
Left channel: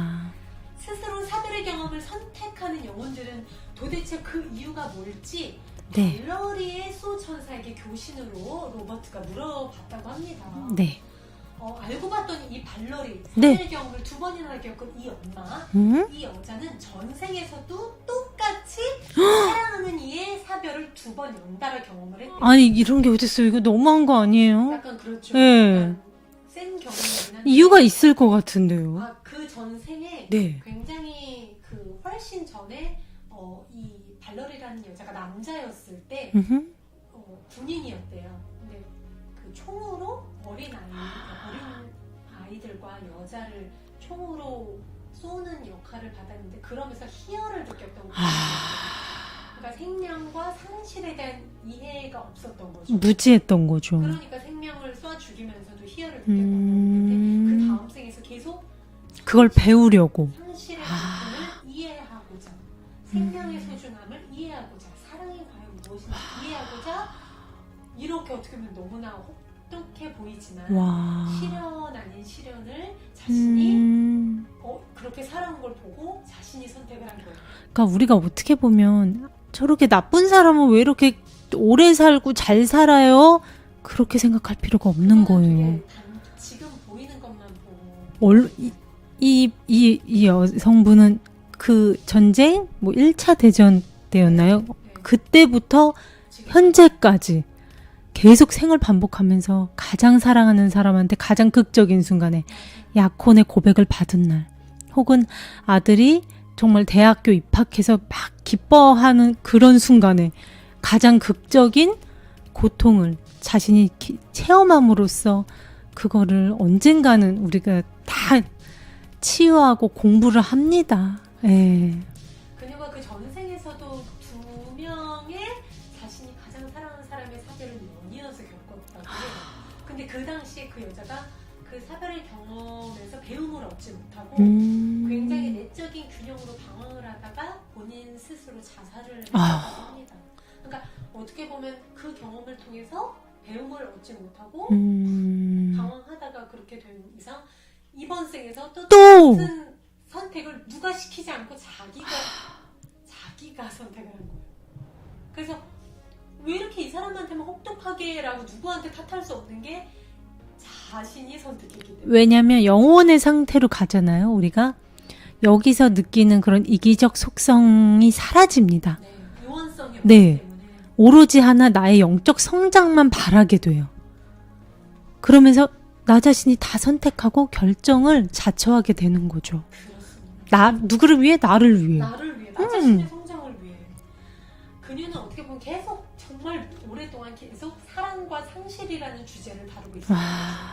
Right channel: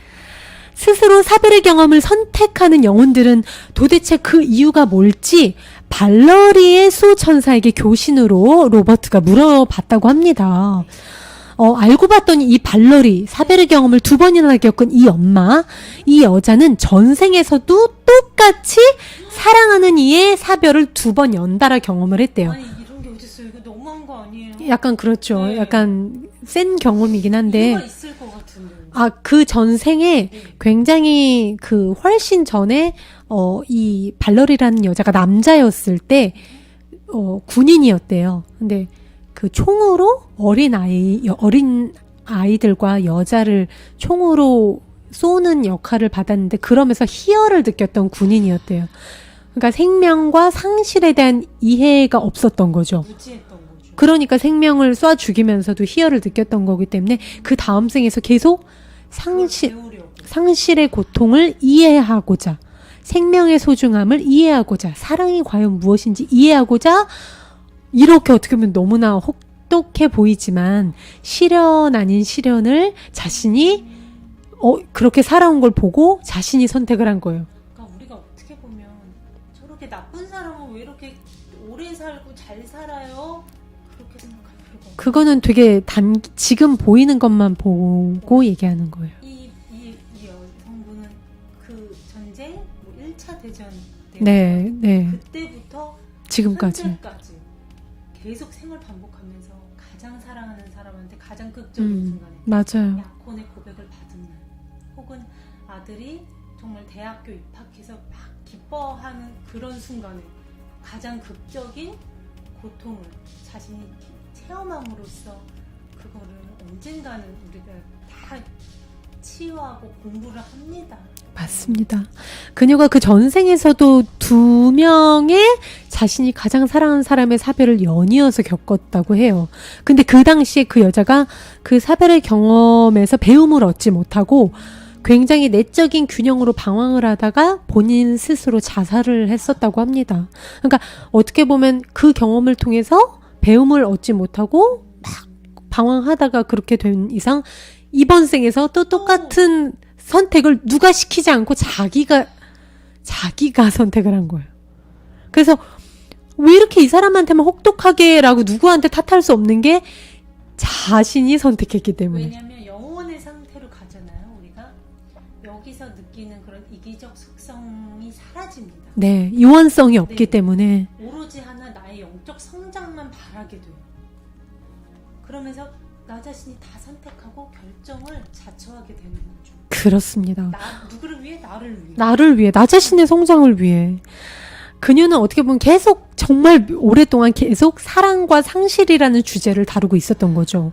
스스로 사별의 경험을 선택하는 영혼들은 도대체 그 이유가 뭘지 발러리의 수호천사에게 교신으로 로버트가 물어봤다고 합니다. 네. 알고 봤더니 이 발러리, 사별의 경험을 2번이나 겪은 이 엄마, 이 여자는 전생에서도 똑같이 사랑하는 이의 사별을 2번 연달아 경험을 했대요. 아니 이런 게 어딨어요? 이거 너무한 거 아니에요? 약간 그렇죠. 네. 약간 센 경험이긴 한데. 이유가 있을 것 같은데요. 그 전생에 네. 굉장히 훨씬 전에 이 발러리라는 여자가 남자였을 때 군인이었대요. 근데 그 총으로 어린 아이들과 여자를 총으로 쏘는 역할을 받았는데 그러면서 희열을 느꼈던 군인이었대요. 그러니까 생명과 상실에 대한 이해가 없었던 거죠. 무지했던 거죠. 그러니까 생명을 쏴 죽이면서도 희열을 느꼈던 거기 때문에 그 다음 생에서 계속 그걸 배우려고. 상실의 고통을 이해하고자, 생명의 소중함을 이해하고자, 사랑이 과연 무엇인지 이해하고자, 이렇게 어떻게 보면 너무나 혹독해 보이지만 와. 시련 아닌 시련을 자신이 그렇게 살아온 걸 보고 자신이 선택을 한 거예요. 그러니까 우리가 어떻게 보면 저렇게 나쁜 사람은 왜 이렇게 오래 살고 잘 살아요? 그렇게 생각할 필요가 없는 그거는 거예요. 되게 지금 보이는 것만 보고 얘기하는 거예요. 이 여성분은 그 전쟁 뭐 1차 대전 때였나요? 네. 그때부터 지금까지. 현재까지 계속 생을 반복하면서 가장 사랑하는 사람한테 가장 극적인 순간에 맞아요. 약혼의 고백을 받은 날, 혹은 아들이 정말 대학교 입학해서 막 기뻐하는 그런 순간에 가장 극적인 고통을 자신이 체험함으로써 그거를 언젠가는 우리가 다 치유하고 공부를 합니다. 맞습니다. 네. 그녀가 그 전생에서도 2명의 자신이 가장 사랑하는 사람의 사별을 연이어서 겪었다고 해요. 근데 그 당시에 그 여자가 그 사별의 경험에서 배움을 얻지 못하고 굉장히 내적인 균형으로 방황을 하다가 본인 스스로 자살을 했었다고 합니다. 그러니까 어떻게 보면 그 경험을 통해서 배움을 얻지 못하고 방황하다가 그렇게 된 이상 이번 생에서 또 똑같은 선택을 누가 시키지 않고 자기가 선택을 한 거예요. 그래서 왜 이렇게 이 사람한테만 혹독하게라고 누구한테 탓할 수 없는 게 자신이 선택했기 때문에. 왜냐하면 영혼의 상태로 가잖아요. 우리가 여기서 느끼는 그런 이기적 속성이 사라집니다. 네, 유한성이 없기 네. 때문에. 오로지 하나 나의 영적 성장만 바라게 돼요. 그러면서 나 자신이 다 선택하고 결정을 자처하게 되는 거죠. 그렇습니다. 누구를 위해? 나를 위해. 나를 위해, 나 자신의 성장을 위해. 그녀는 어떻게 보면 계속 정말 오랫동안 계속 사랑과 상실이라는 주제를 다루고 있었던 거죠.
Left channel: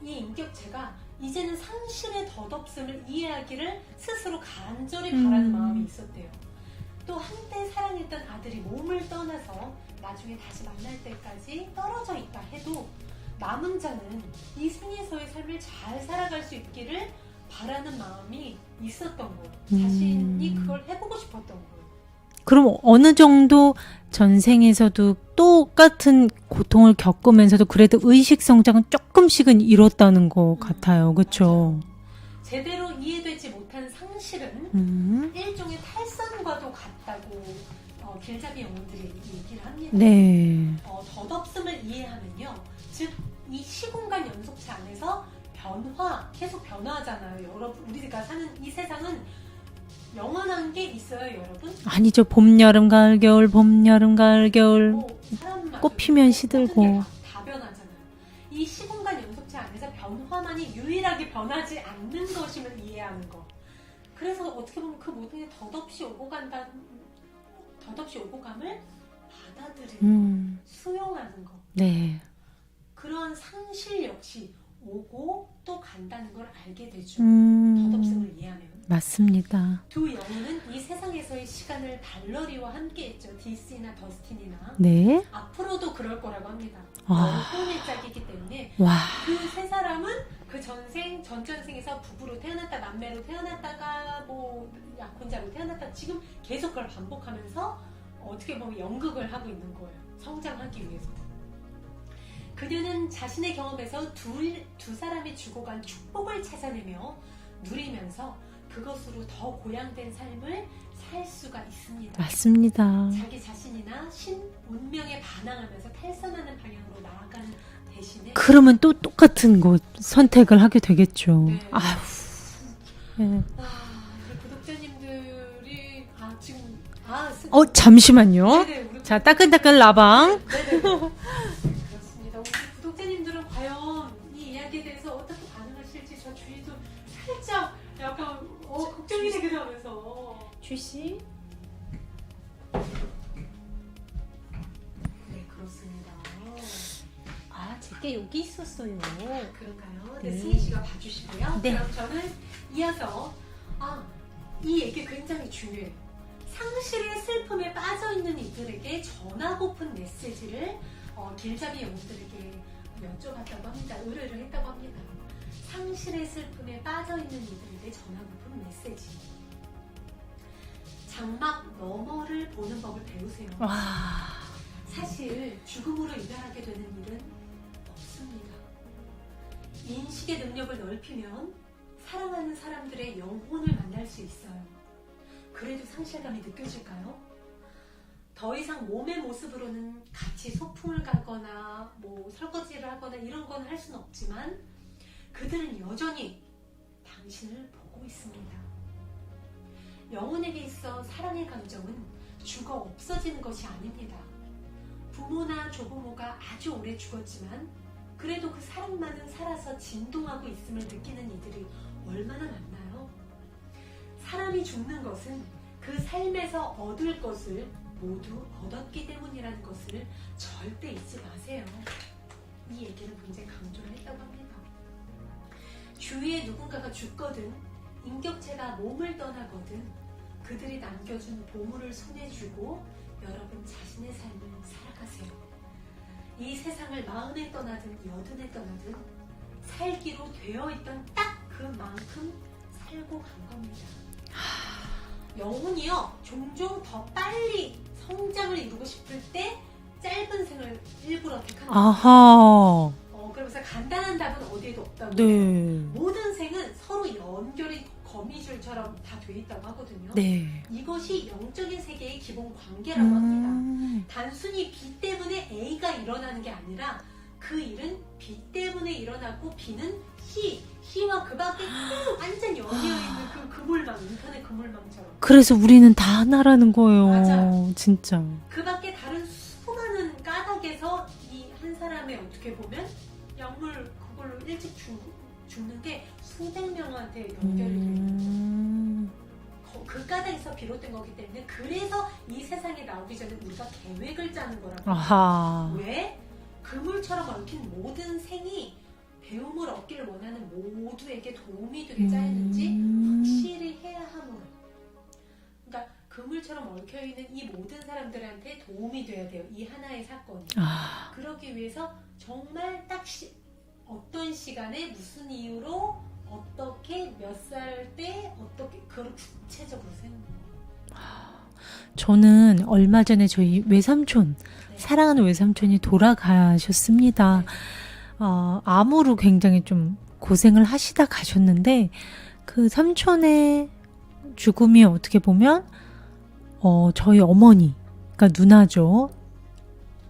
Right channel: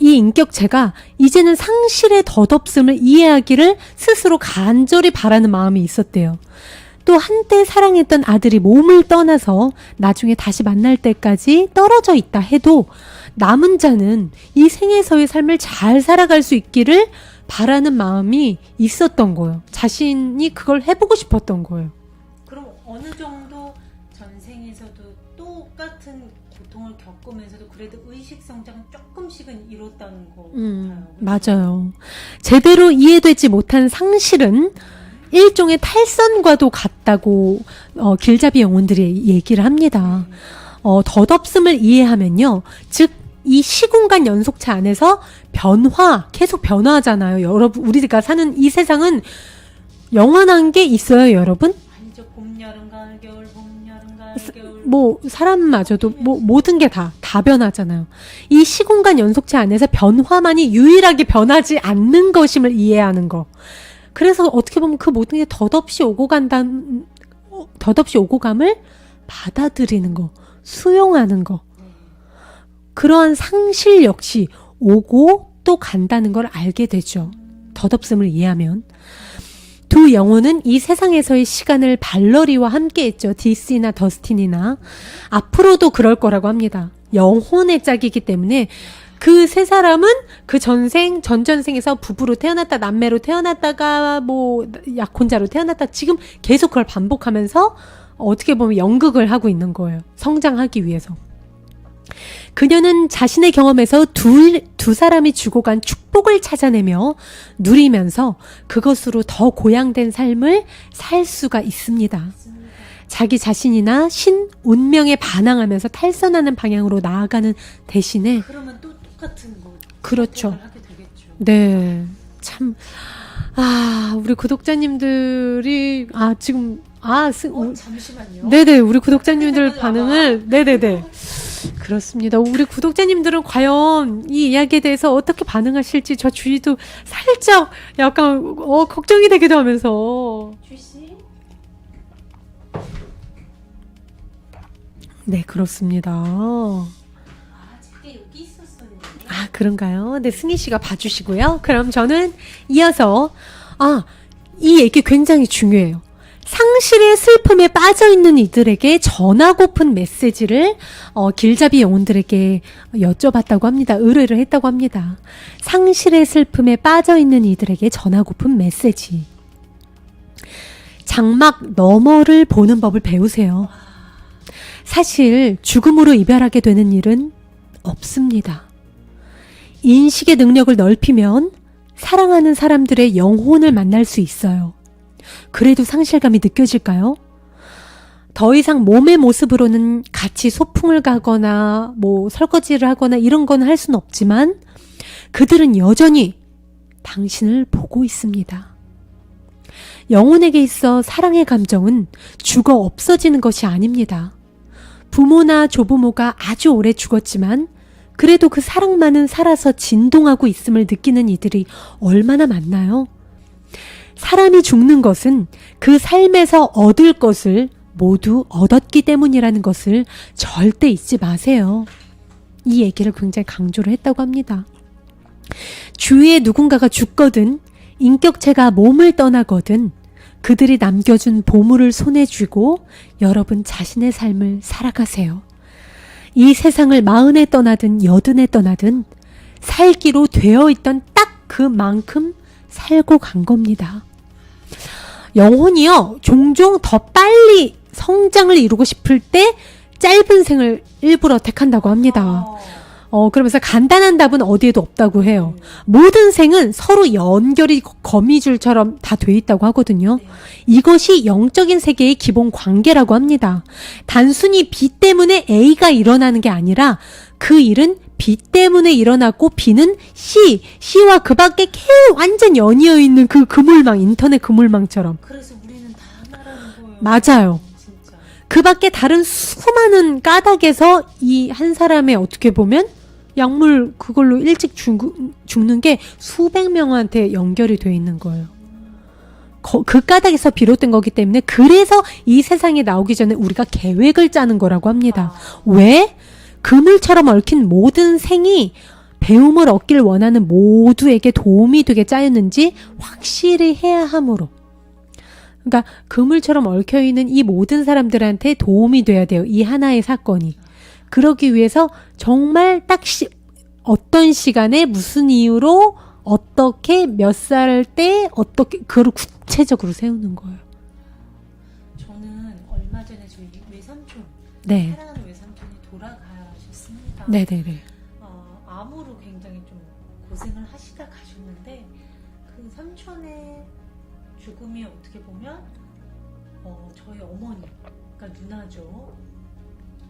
이 인격체가 이제는 상실의 덧없음을 이해하기를 스스로 간절히 바라는 마음이 있었대요. 또 한때 사랑했던 아들이 몸을 떠나서 나중에 다시 만날 때까지 떨어져 있다 해도 남은 자는 이 생에서의 삶을 잘 살아갈 수 있기를 바라는 마음이 있었던 거예요. 자신이 그걸 해보고 싶었던 거예요. 그럼 어느 정도 전생에서도 똑같은 고통을 겪으면서도 그래도 의식 성장은 조금씩은 이뤘다는 것 같아요. 그렇죠? 맞아요. 제대로 이해되지 못한 상실은 일종의 탈선과도 같다고 길잡이 영혼들이 얘기를 합니다. 네. 덧없음을 이해하면요. 즉, 이 시공간 연속체 안에서 계속 변화하잖아요. 여러분, 우리가 사는 이 세상은 영원한 게 있어요, 여러분? 아니죠. 봄, 여름, 가을, 겨울, 봄, 여름, 가을, 겨울. 뭐 사람마저도 꽃피면 시들고. 모든 게 다 변하잖아요. 이 시공간 연속체 안에서 변화만이 유일하게 변하지 않는 것임을 이해하는 거. 그래서 어떻게 보면 그 모든 게 덧없이 오고 감을 받아들이는 거, 수용하는 거. 네. 그러한 상실 역시 오고 또 간다는 걸 알게 되죠. 덧없음을 이해하면. 맞습니다. 두 영혼은 이 세상에서의 시간을 발러리와 함께했죠. 디스나 더스틴이나. 네. 앞으로도 그럴 거라고 합니다. 와. 영혼의 짝이기 때문에 와. 그 세 사람은 그 전전생에서 부부로 태어났다, 남매로 태어났다가 뭐 약혼자로 태어났다, 지금 계속 그걸 반복하면서 어떻게 보면 연극을 하고 있는 거예요. 성장하기 위해서. 그녀는 자신의 경험에서 두 사람이 주고 간 축복을 찾아내며 누리면서 그것으로 더 고양된 삶을 살 수가 있습니다. 맞습니다. 자기 자신이나 운명에 반항하면서 탈선하는 방향으로 나아가는 대신에 그러면 또 똑같은 곳 선택을 그렇죠. 하게 되겠죠. 네. 아유, 참 우리 구독자님들이 지금 잠시만요. 네네, 우리 나 따끈따끈 구독자님들 나봐. 네네네. 그렇습니다. 우리 구독자님들은 과연 이 이야기에 대해서 어떻게 반응하실지 저 주위도 살짝 약간 걱정이 되기도 하면서. 주씨. 네, 그렇습니다. 제게 여기 있었어요. 그런가요? 네, 승희 씨가 봐주시고요. 그럼 저는 이어서 이 얘기 굉장히 중요해요. 상실의 슬픔에 빠져있는 이들에게 전하고픈 메시지를 길잡이 영혼들에게 여쭤봤다고 합니다. 의뢰를 했다고 합니다. 상실의 슬픔에 빠져있는 이들에게 전하고픈 메시지. 장막 너머를 보는 법을 배우세요. 사실 죽음으로 이별하게 되는 일은 없습니다. 인식의 능력을 넓히면 사랑하는 사람들의 영혼을 만날 수 있어요. 그래도 상실감이 느껴질까요? 더 이상 몸의 모습으로는 같이 소풍을 가거나 뭐 설거지를 하거나 이런 건 할 수는 없지만 그들은 여전히 당신을 보고 있습니다. 영혼에게 있어 사랑의 감정은 죽어 없어지는 것이 아닙니다. 부모나 조부모가 아주 오래 죽었지만 그래도 그 사랑만은 살아서 진동하고 있음을 느끼는 이들이 얼마나 많나요? 사람이 죽는 것은 그 삶에서 얻을 것을 모두 얻었기 때문이라는 것을 절대 잊지 마세요. 이 얘기를 굉장히 강조를 했다고 합니다. 주위에 누군가가 죽거든 인격체가 몸을 떠나거든 그들이 남겨준 보물을 손에 쥐고 여러분 자신의 삶을 살아가세요. 이 세상을 40에 떠나든 80에 떠나든 살기로 되어 있던 딱 그만큼 살고 간 겁니다. 영혼이요, 종종 더 빨리 성장을 이루고 싶을 때 짧은 생을 일부러 택한다고 합니다. 그러면서 간단한 답은 어디에도 없다고 해요. 모든 생은 서로 연결이 거미줄처럼 다 돼 있다고 하거든요. 네. 이것이 영적인 세계의 기본 관계라고 합니다. 단순히 B 때문에 A가 일어나는 게 아니라 그 일은 B 때문에 일어났고 B는 C와 그 밖에 완전 연이어 있는 그 그물망, 인터넷 그물망처럼. 그래서 우리는 다 하나라는 거예요. 맞아요. 진짜. 그 밖에 다른 수많은 까닭에서 이 한 사람의 어떻게 보면 약물 그걸로 일찍 죽는 게 수백 명한테 연결이 돼 있는 거예요. 그 까닭에서 비롯된 거기 때문에 그래서 이 세상에 나오기 전에 우리가 계획을 짜는 거라고 합니다. 아하. 왜? 그물처럼 얽힌 모든 생이 배움을 얻길 원하는 모두에게 도움이 되게 짜였는지 확실히 해야 하므로. 그러니까 그물처럼 얽혀있는 이 모든 사람들한테 도움이 돼야 돼요. 이 하나의 사건이. 그러기 위해서 정말 딱 어떤 시간에 무슨 이유로 어떻게 몇 살 때 어떻게 그걸 구체적으로 세우는 거예요. 저는 얼마 전에 저희 외삼촌, 네. 사랑하는 외삼촌이 돌아가셨습니다. 네네네. 암으로 굉장히 좀 고생을 하시다 가셨는데 그 삼촌의 죽음이 어떻게 보면 저희 어머니, 그러니까 누나죠.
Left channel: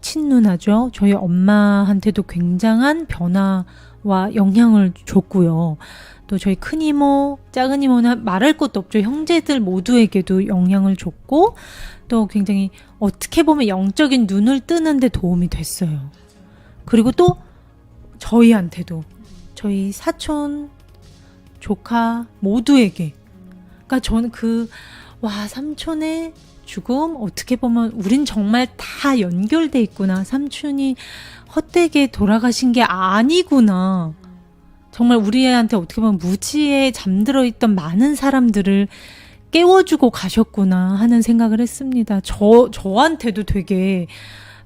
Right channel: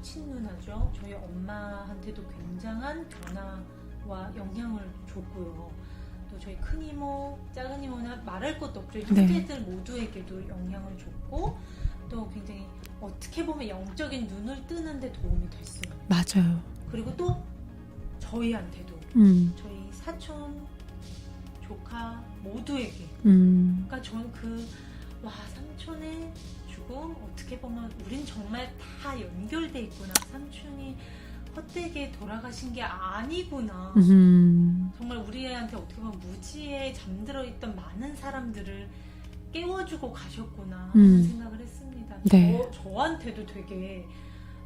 친누나죠. 저희 엄마한테도 굉장한 변화와 영향을 줬고요. 또 저희 큰이모, 작은이모는 말할 것도 없죠. 형제들 모두에게도 영향을 줬고 또 굉장히 어떻게 보면 영적인 눈을 뜨는데 도움이 됐어요. 맞아요. 그리고 또 저희한테도 저희 사촌, 조카 모두에게 그러니까 저는 삼촌의 죽음 어떻게 보면 우린 정말 다 연결돼 있구나. 삼촌이 헛되게 돌아가신 게 아니구나. 정말 우리한테 어떻게 보면 무지에 잠들어 있던 많은 사람들을 깨워주고 가셨구나 하는 생각을 했습니다. 네. 저한테도 되게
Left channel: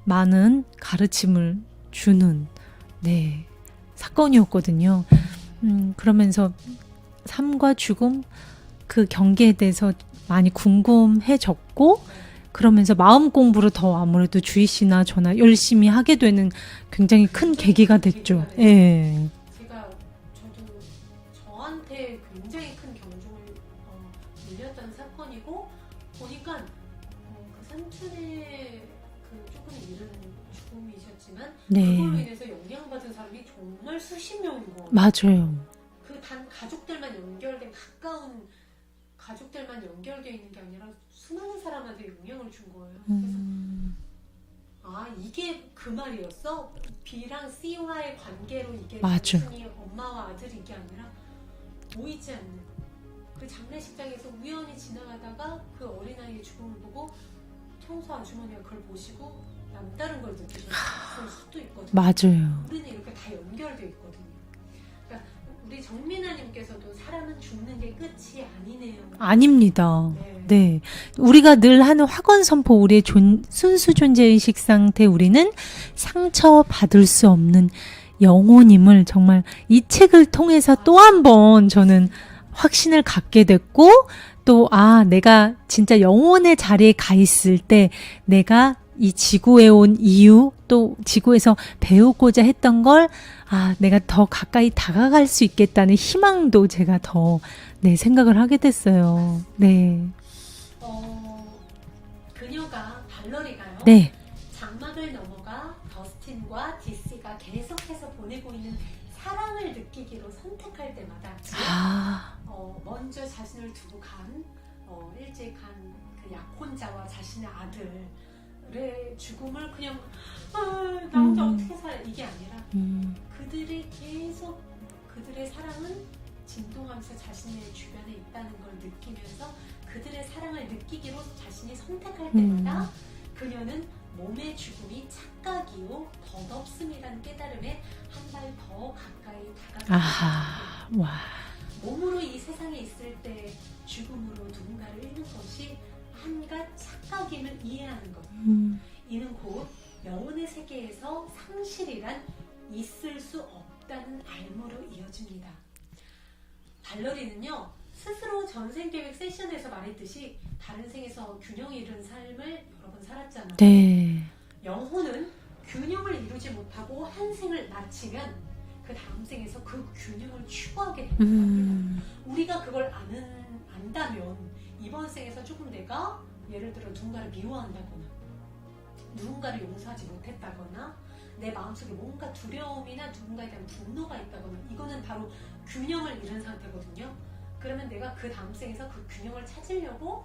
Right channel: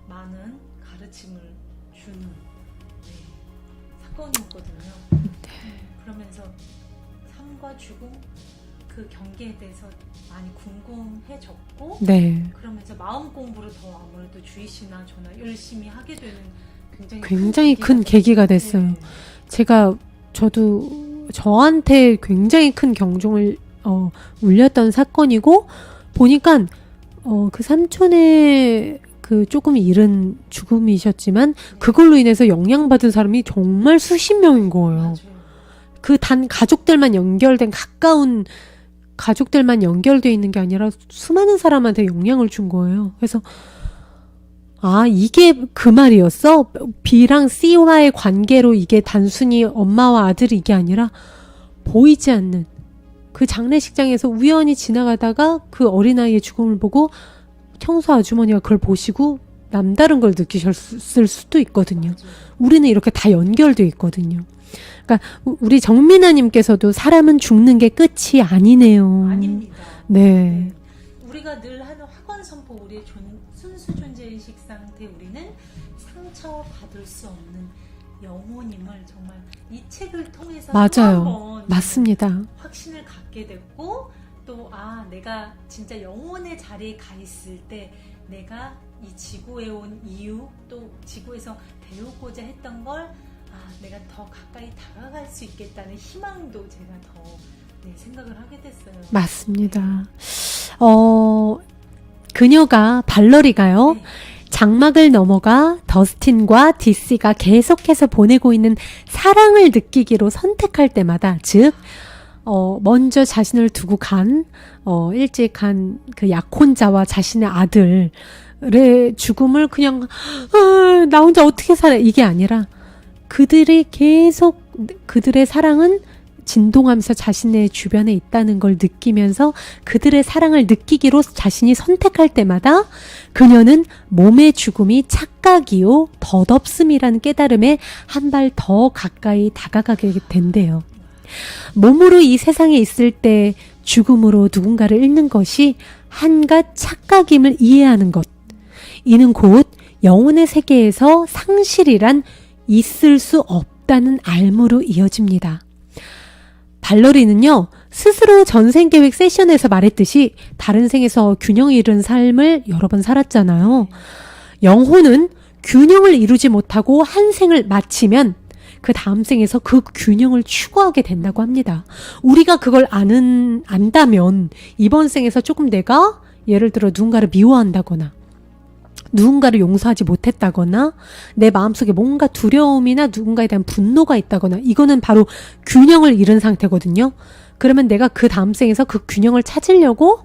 많은 가르침을 주는 사건이었거든요. 그러면서 삶과 죽음 그 경계에 대해서 많이 궁금해졌고 그러면서 마음 공부를 더 아무래도 주희 씨나 저나 열심히 하게 되는 굉장히 큰 계기가 됐어요. 네. 저도 저한테 굉장히 큰 경종을 울렸던 사건이고 보니까 그 삼촌의 그 조금 이른 죽음이셨지만 그걸로 인해서 영향받은 사람이 정말 수십 명인 거예요. 맞아요. 그 단 가족들만 연결된 가까운 가족들만 연결돼 있는 게 아니라 수많은 사람한테 영향을 준 거예요. 그래서 이게 그 말이었어? B랑 C와의 관계로 이게 맞아. 단순히 엄마와 아들이 이게 아니라 보이지 않는 그 장례식장에서 우연히 지나가다가 그 어린아이의 죽음을 보고 청소 아주머니가 그걸 보시고 남다른 걸 느끼셨을 수도 있거든요. 맞아요. 우리는 이렇게 다 연결돼 있거든요. 그러니까 우리 정민아님께서도 사람은 죽는 게 끝이 아니네요. 아닙니다. 네. 우리가 늘 하는 확언 선포, 우리의 순수 존재의식 상태, 우리는 상처받을 수 없는 영혼임을 정말 이 책을 통해서 또 맞아요. 한 번 저는 맞습니다. 확신을 갖게 됐고 또 내가 진짜 영혼의 자리에 가 있을 때 내가 이 지구에 온 이유 또 지구에서 배우고자 했던 걸 내가 더 가까이 다가갈 수 있겠다는 희망도 제가 더 생각을 하게 됐어요. 맞습니다. 그녀가 발러리가요. 네. 장막을 넘어가 더스틴과 디시가 계속해서 보내고 있는 사랑을 느끼기로 선택할 때마다 즉 먼저 자신을 두고 일찍 간 그 약혼자와 자신의 아들의 죽음을 그냥 나 혼자 어떻게 살아 이게 아니라 그들이 계속 그들의 사랑은 진동하면서 자신의 주변에 있다는 걸 느끼면서 그들의 사랑을 느끼기로 자신이 선택할 때마다 그녀는 몸의 죽음이 착각이요 덧없음이라는 깨달음에 한 발 더 가까이 다가가게 된대요. 몸으로 이 세상에 있을 때 죽음으로 누군가를 잃는 것이 한갓 착각임을 이해하는 것. 이는 곧 영혼의 세계에서 상실이란 있을 수 없다는 알무로 이어집니다. 발러리는요, 스스로 전생계획 세션에서 말했듯이 다른 생에서 균형을 이룬 삶을 여러 번 살았잖아요. 네. 영혼은 균형을 이루지 못하고 한 생을 마치면 그 다음 생에서 그 균형을 추구하게 된다고 합니다. 우리가 그걸 안다면 이번 생에서 조금 내가 예를 들어 누군가를 미워한다거나 누군가를 용서하지 못했다거나 내 마음속에 뭔가 두려움이나 누군가에 대한 분노가 있다거나 이거는 바로 균형을 잃은 상태거든요. 그러면 내가 그 다음 생에서 그 균형을 찾으려고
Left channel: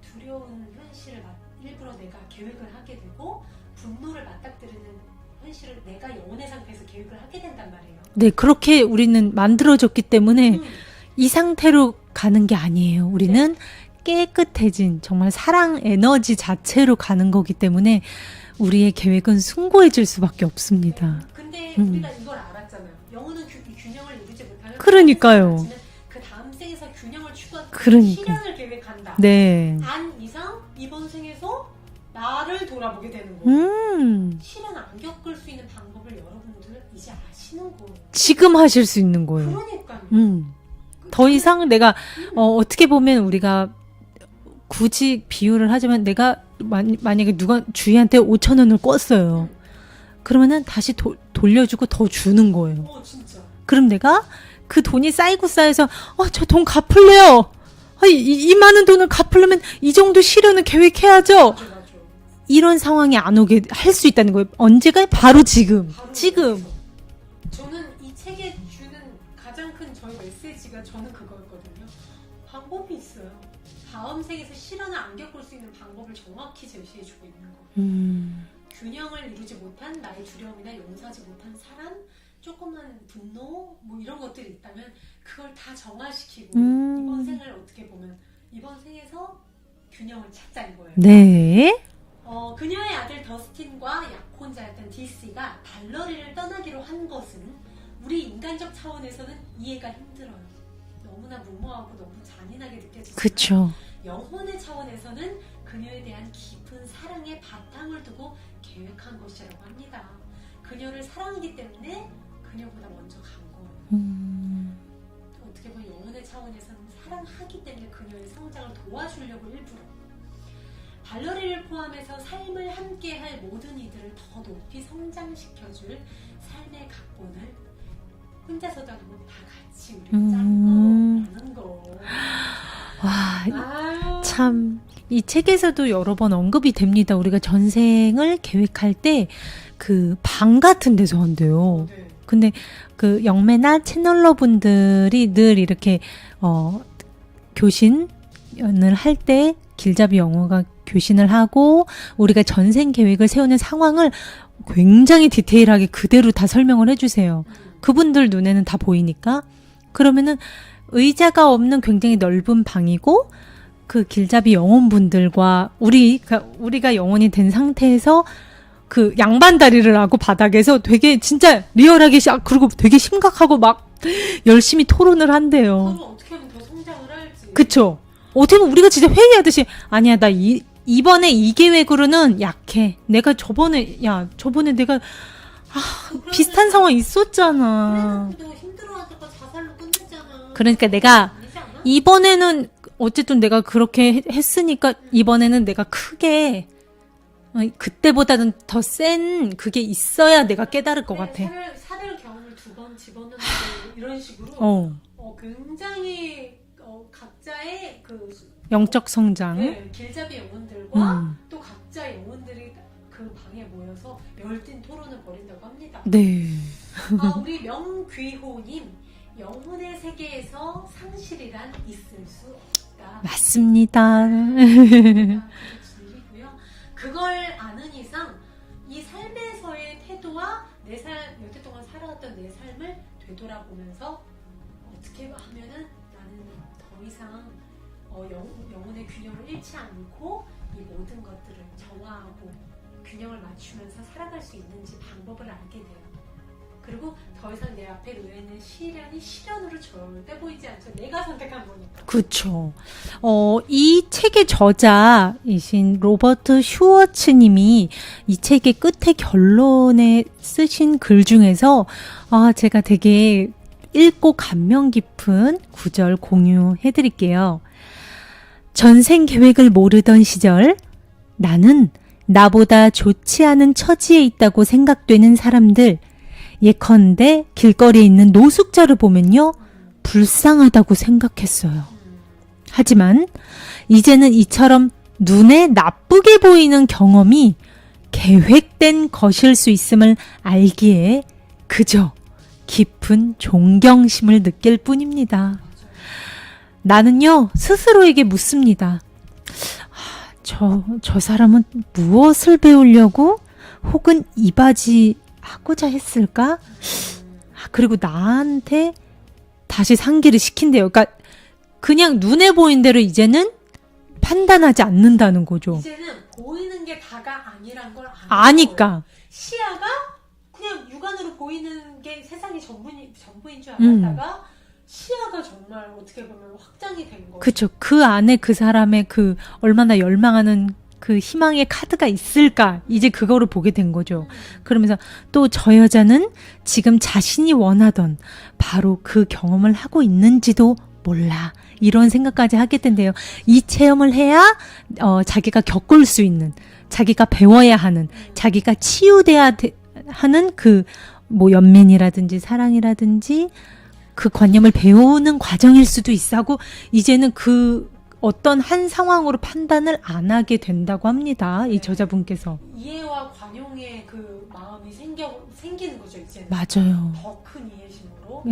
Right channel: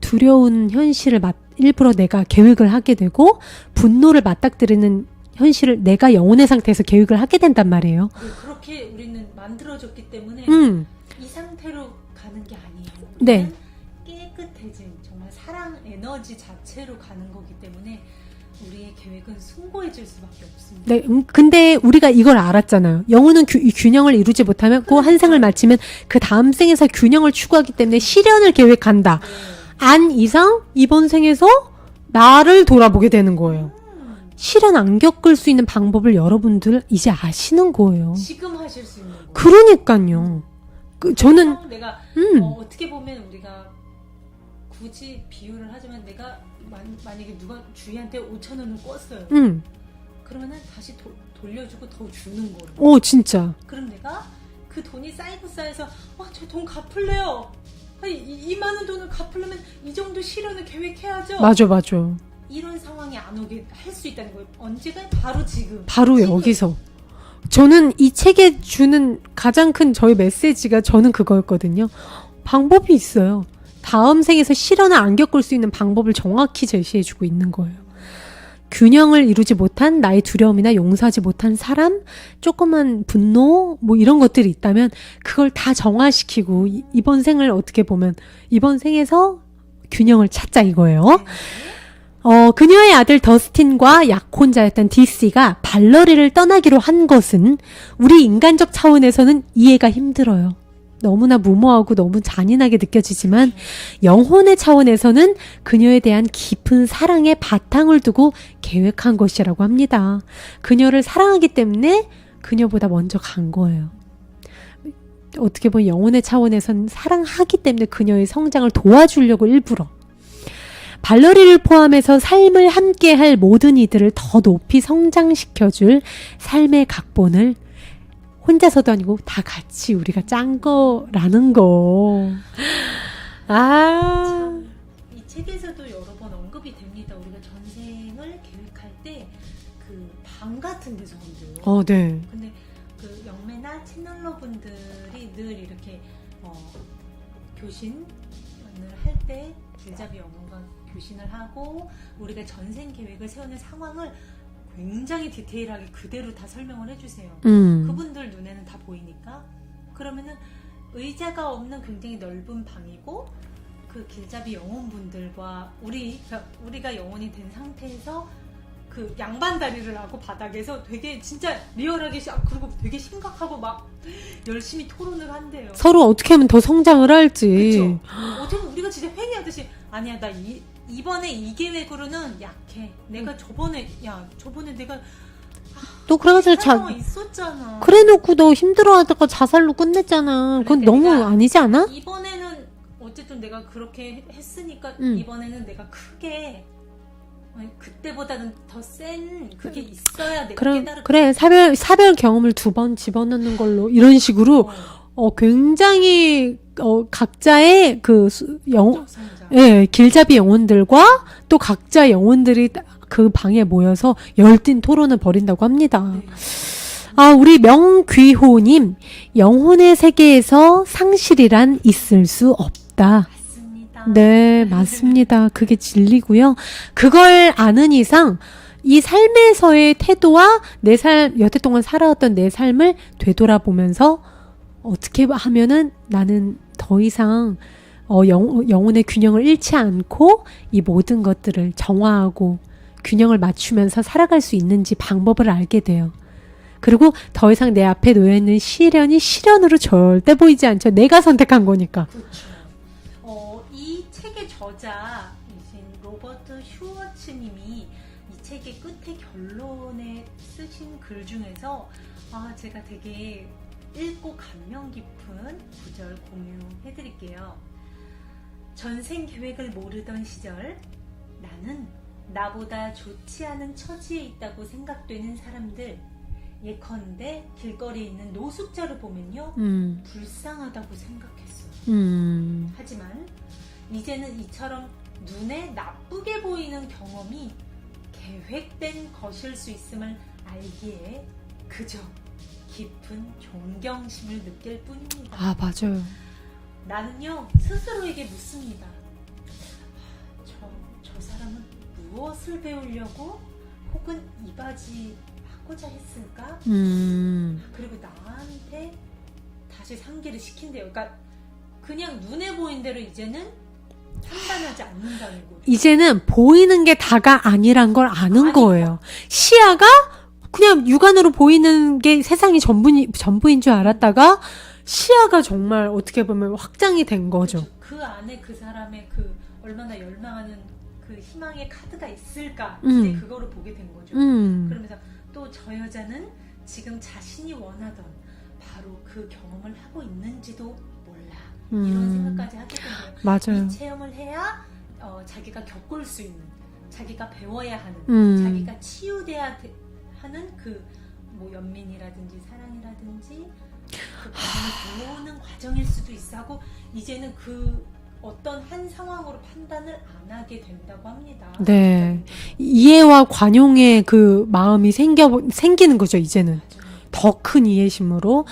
두려운 현실을 일부러 내가 계획을 하게 되고 분노를 맞닥뜨리는 현실을 내가 영혼의 상태에서 계획을 하게 된단 말이에요. 네, 그렇게 우리는 만들어졌기 때문에 이 상태로 가는 게 아니에요. 우리는 깨끗해진 정말 사랑 에너지 자체로 가는 거기 때문에 우리의 계획은 숭고해질 수밖에 없습니다. 네, 근데 우리가 이걸 알았잖아요. 영혼은 이 균형을 이루지 못하면 그 그러니까요. 환상을 마치면 그 다음 생에서 균형을 추구하기 때문에 그러니까. 실현을 계획한다. 네. 안 이상 이번 생에서 나를 돌아보게 되는 거예요. 실현 안 겪을 수 있는 방법을 여러분들 이제 아시는 거예요. 지금 하실 수 있는 거예요. 그러니까요. 더 이상 내가 어떻게 보면 우리가 굳이 비유를 하자면 내가 만약에 누가 주희한테 5,000원을 꿨어요. 그러면은 다시 돌려주고 더 주는 거예요. 오 진짜. 그럼 내가 그 돈이 쌓이고 쌓여서 저 돈 갚을래요. 이 많은 돈을 갚으려면 이 정도 실현을 계획해야죠. 맞아. 이런 상황이 안 오게 할 수 있다는 거예요. 언제가? 바로 지금. 바로 지금. 여기서. 저는 이 책에 주는 가장 큰 저희 메시지가 저는 그거였거든요. 방법이 있어요. 다음 생에서 실현을 안 겪을 수 있는 방법을 정확히 제시해주고 있는 거예요. 균형을 이루지 못한 나의 두려움이나 용서하지 못한 사람, 조그만 분노, 뭐 이런 것들이 있다면 그걸 다 정화시키고 이번 생을 어떻게 보면 이번 생에서 균형을 찾자 이거예요. 네. 그녀의 아들 더스틴과 약혼자였던 DC가 발러리를 떠나기로 한 것은 우리 인간적 차원에서는 이해가 힘들어요. 너무나 무모하고 너무 잔인하게 느껴지지만 그쵸. 영혼의 차원에서는 그녀에 대한 깊은 사랑의 바탕을 두고 계획한 것이라고 합니다. 그녀를 사랑하기 때문에 그녀보다 먼저 간 거예요. 어떻게 보면 영혼의 차원에서는 사랑하기 때문에 그녀의 성장을 도와주려고 일부러 발러리를 포함해서 삶을 함께할 모든 이들을 더 높이 성장시켜줄 삶의 각본을 혼자서도 아니고 다 같이 우리가 짠 거라는 거. 참, 이 책에서도 여러 번 언급이 됩니다. 우리가 전생을 계획할 때 그 방 같은 데서 한대요. 네. 근데 그 영매나 채널러 분들이 늘 이렇게 교신을 할 때 길잡이 영어가 교신을 하고 우리가 전생 계획을 세우는 상황을 굉장히 디테일하게 그대로 다 설명을 해주세요. 그분들 눈에는 다 보이니까. 그러면은 의자가 없는 굉장히 넓은 방이고 그 길잡이 영혼분들과 우리가 영혼이 된 상태에서 그 양반다리를 하고 바닥에서 되게 진짜 리얼하게 그리고 되게 심각하고 막 열심히 토론을 한대요. 서로 어떻게 하면 더 성장을 할지. 그쵸. 어떻게 보면 우리가 진짜 회의하듯이 아니야 나 이번에 이 계획으로는 약해. 내가 저번에 내가 또 그런 비슷한 상황 있었잖아. 그래놓고 너 힘들어하다가 자살로 끝냈잖아. 그러니까 그건 너무 내가 아니지 않아? 이번에는 어쨌든 내가 그렇게 했으니까 이번에는 내가 크게 그때보다는 더 센 그게 있어야 내가 깨달을 것 그래 같아. 사별 경험을 2번 집어넣는 걸로 이런 식으로 굉장히 각자의 그 영적 성장. 예, 길잡이 영혼들과 또 각자 영혼들이 그 방에 모여서 열띤 토론을 벌인다고 합니다. 네. 우리 명귀호님, 영혼의 세계에서 상실이란 있을 수 없다. 맞습니다. 네, 맞습니다. 그게 진리고요. 그걸 아는 이상 이 삶에서의 태도와 여태 동안 살아왔던 내 삶을 되돌아보면서 어떻게 하면은 나는 더 이상 영혼의 균형을 잃지 않고 이 모든 것들을 정화하고 균형을 맞추면서 살아갈 수 있는지 방법을 알게 돼요. 그리고 더 이상 내 앞에 놓여있는 시련이 시련으로 절대 보이지 않죠. 내가 선택한 거니까. 그렇죠. 이 책의 저자이신 로버트 슈워츠님이 이 책의 끝에 결론에 쓰신 글 중에서 제가 되게 읽고 감명 깊은 구절 공유해드릴게요. 전생 계획을 모르던 시절 나는 나보다 좋지 않은 처지에 있다고 생각되는 사람들, 예컨대 길거리에 있는 노숙자를 보면요 불쌍하다고 생각했어요. 하지만 이제는 이처럼 눈에 나쁘게 보이는 경험이 계획된 것일 수 있음을 알기에 그저 깊은 존경심을 느낄 뿐입니다. 맞아요. 나는요, 스스로에게 묻습니다. 저 사람은 무엇을 배우려고 혹은 이바지하고자 했을까? 그리고 나한테 다시 상기를 시킨대요. 그러니까 그냥 눈에 보인 대로 이제는 판단하지 않는다는 거죠. 이제는 보이는 게 다가 아니란 걸 아는 아니까. 거예요. 시야가 그냥 육안으로 보이는 게 세상이 전부인 줄 알았다가 시야가 정말 어떻게 보면 확장이 된 거죠. 그렇죠. 그 안에 그 사람의 그 얼마나 열망하는 그 희망의 카드가 있을까? 이제 그거를 보게 된 거죠. 그러면서 또 저 여자는 지금 자신이 원하던 바로 그 경험을 하고 있는지도 몰라. 이런 생각까지 하게 된대요. 맞아요. 이 체험을 해야 자기가 겪을 수 있는, 자기가 배워야 하는, 자기가 치유돼야 하는 그 뭐 연민이라든지 사랑이라든지 그 관념을 배우는 과정일 수도 있어 하고 이제는 그 어떤 한 상황으로 판단을 안 하게 된다고 합니다. 네. 이 저자분께서. 이해와 관용의 그 마음이 생기는 거죠, 이제는. 맞아요. 더 큰 이해심으로.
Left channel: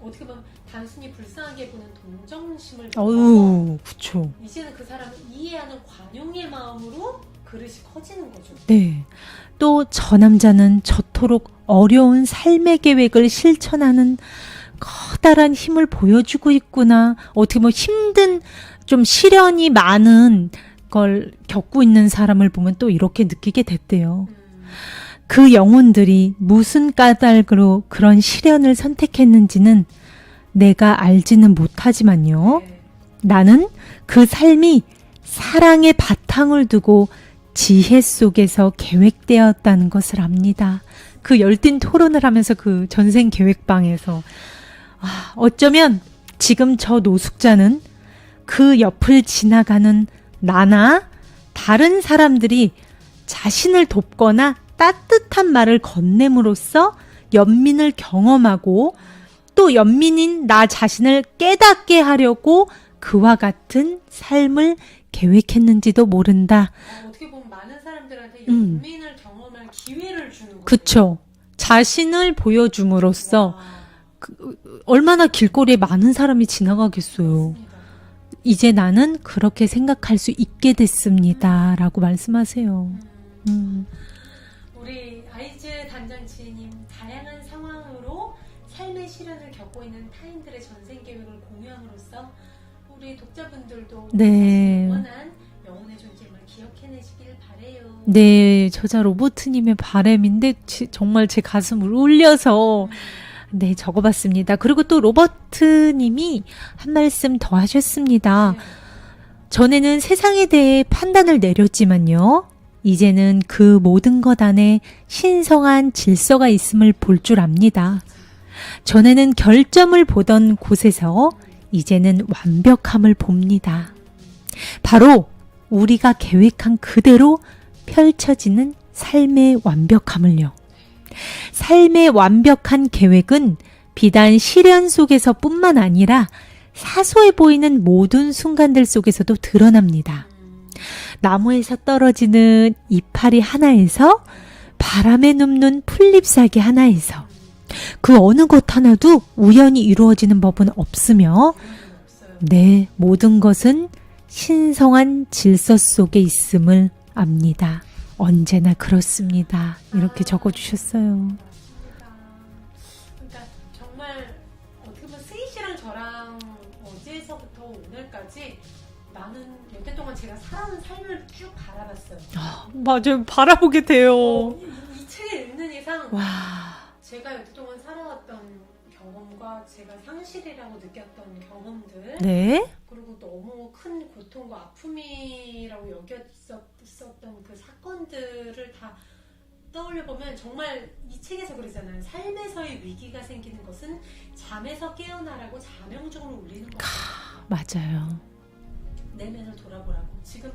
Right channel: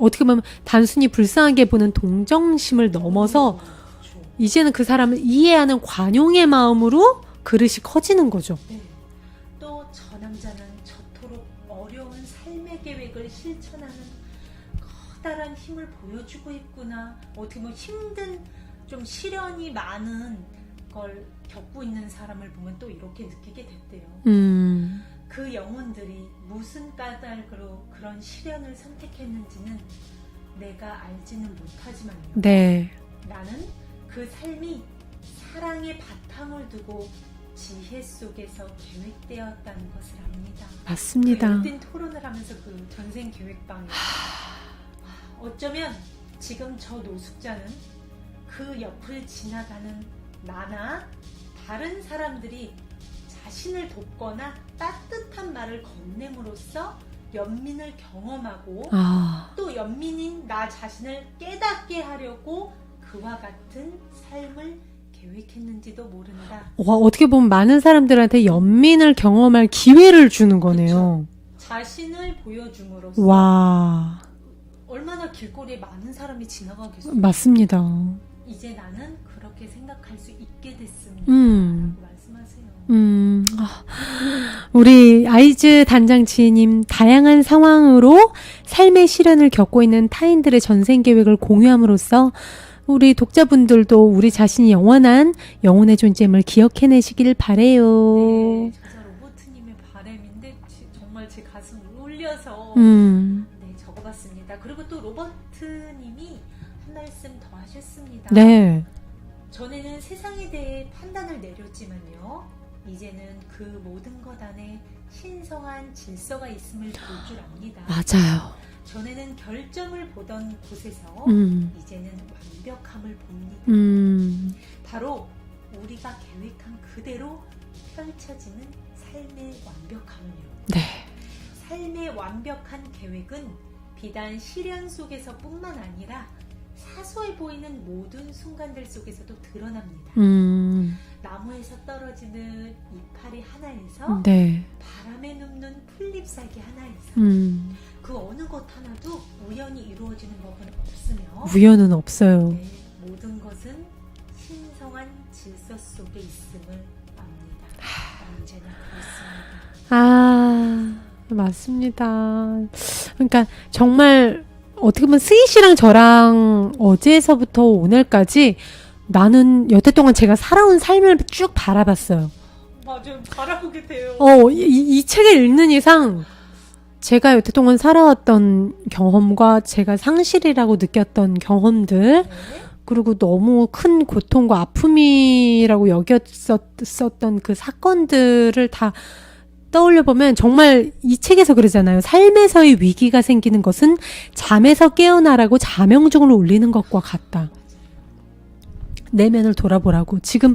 어떻게 보면 단순히 불쌍하게 보는 동정심을 넘어서 그렇죠. 이제는 그 사람을 이해하는 관용의 마음으로 그릇이 커지는 거죠. 네. 또 저 남자는 저토록 어려운 삶의 계획을 실천하는 커다란 힘을 보여주고 있구나. 어떻게 보면 힘든 좀 시련이 많은 걸 겪고 있는 사람을 보면 또 이렇게 느끼게 됐대요. 그 영혼들이 무슨 까닭으로 그런 시련을 선택했는지는 내가 알지는 못하지만요. 네. 나는 그 삶이 사랑의 바탕을 두고 지혜 속에서 계획되었다는 것을 압니다. 맞습니다. 그 열띤 토론을 하면서 그 전생 계획방에서 어쩌면 지금 저 노숙자는 그 옆을 지나가는 나나 다른 사람들이 자신을 돕거나 따뜻한 말을 건넴으로써 연민을 경험하고 또 연민인 나 자신을 깨닫게 하려고 그와 같은 삶을 계획했는지도 모른다. 와, 어떻게 보면 많은 사람들한테 연민을 경험할 기회를 주는 거네요. 그쵸. 자신을 보여줌으로써 와. 얼마나 길거리에 많은 사람이 지나가겠어요. 맞습니다. 이제 나는 그렇게 생각할 수 있게 됐습니다. 라고 말씀하세요. 우리 아이즈 단장지님, 다양한 상황으로 삶의 시련을 겪고 있는 타인들의 전생 계획을 공유함으로써 우리 독자분들도 우리 네. 자신이 영원한 영혼의 존재임을 기억해내시길 바래요. 네, 저자 로버트님의 바람인데 정말 제 가슴을 울려서 네 적어봤습니다. 그리고 또 로버트님이 한 말씀 더 하셨습니다. 네. 전에는 세상에 대해 판단을 내렸지만요. 이제는 그 모든 것 안에 신성한 질서가 있음을 볼 줄 압니다. 맞아요. 전에는 결점을 보던 곳에서 이제는 완벽함을 봅니다. 바로 우리가 계획한 그대로 펼쳐지는 삶의 완벽함을요. 네. 삶의 완벽한 계획은 비단 시련 속에서뿐만 아니라 사소해 보이는 모든 순간들 속에서도 드러납니다. 나무에서 떨어지는 이파리 하나에서 네. 바람에 눕는 풀잎사기 하나에서 그 어느 것 하나도 우연히 이루어지는 법은 없으며 우연은 없어요. 네, 모든 것은 신성한 질서 속에 있음을 압니다. 언제나 그렇습니다. 이렇게 적어주셨어요. 맞습니다. 그러니까 정말 어떻게 보면 스이 씨랑 저랑 어제서부터 오늘까지 나는 여태 동안 제가 살아온 삶을 쭉 바라봤어요. 맞아요. 바라보게 돼요. 이 책을 읽는 이상 제가 여태 동안 살아왔던 경험과 제가 상실이라고 느꼈던 경험들 네. 그리고 너무 큰 고통과 아픔이라고 여겼었던 그 사건들을 다 떠올려 보면 정말 이 책에서 그러잖아요. 삶에서의 위기가 생기는 것은 잠에서 깨어나라고 자명종을 울리는 것과 같다. 맞아요. 내면을 돌아보라고. 지금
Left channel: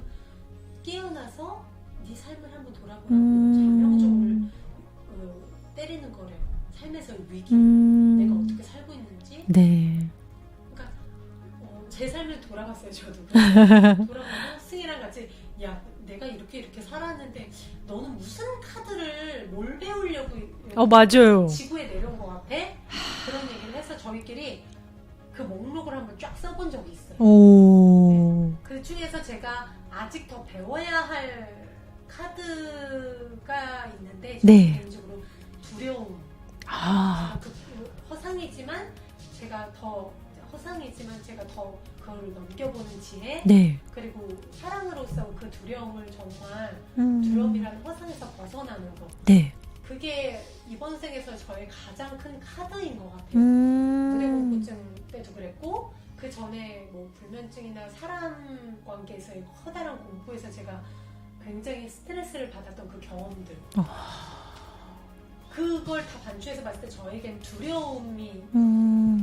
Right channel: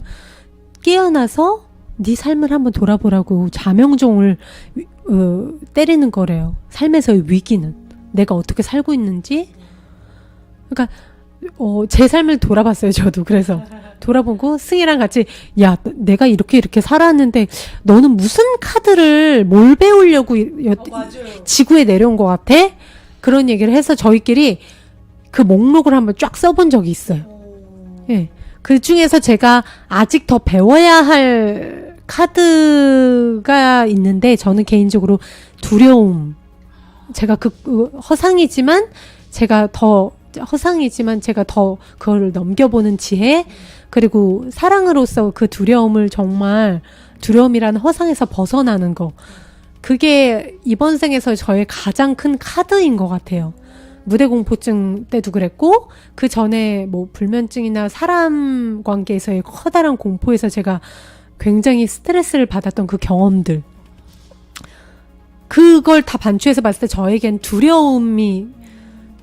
깨어나서 네 삶을 한번 돌아보라고 자명종을 때리는 거래요. 삶에서의 위기는 내가 어떻게 살고 있는지. 네. 그러니까 제 삶을 돌아봤어요, 저도. 그래서 돌아보고 승희랑 같이 야, 내가 이렇게 살았는데 너는 무슨 카드를 뭘 배우려고 맞아요. 지구에 내려온 것 같아? 그런 얘기를 해서 저희끼리 그 목록을 한번 쫙 써본 적이 있어요. 오. 네. 그 중에서 제가 아직 더 배워야 할 카드가 있는데 저는 네. 개인적으로 두려움. 아. 제가 허상이지만 제가 더 그거를 넘겨보는 지혜, 네. 그리고 사랑으로서 그 두려움을 정말 두려움이라는 허상에서 벗어나는 거. 네. 그게 이번 생에서 저의 가장 큰 카드인 것 같아요. 무대 공포증 때도 그랬고, 그 전에 뭐 불면증이나 사람 관계에서의 커다란 공포에서 제가 굉장히 스트레스를 받았던 그 경험들. 그걸 다 반추해서 봤을 때 저에겐 두려움이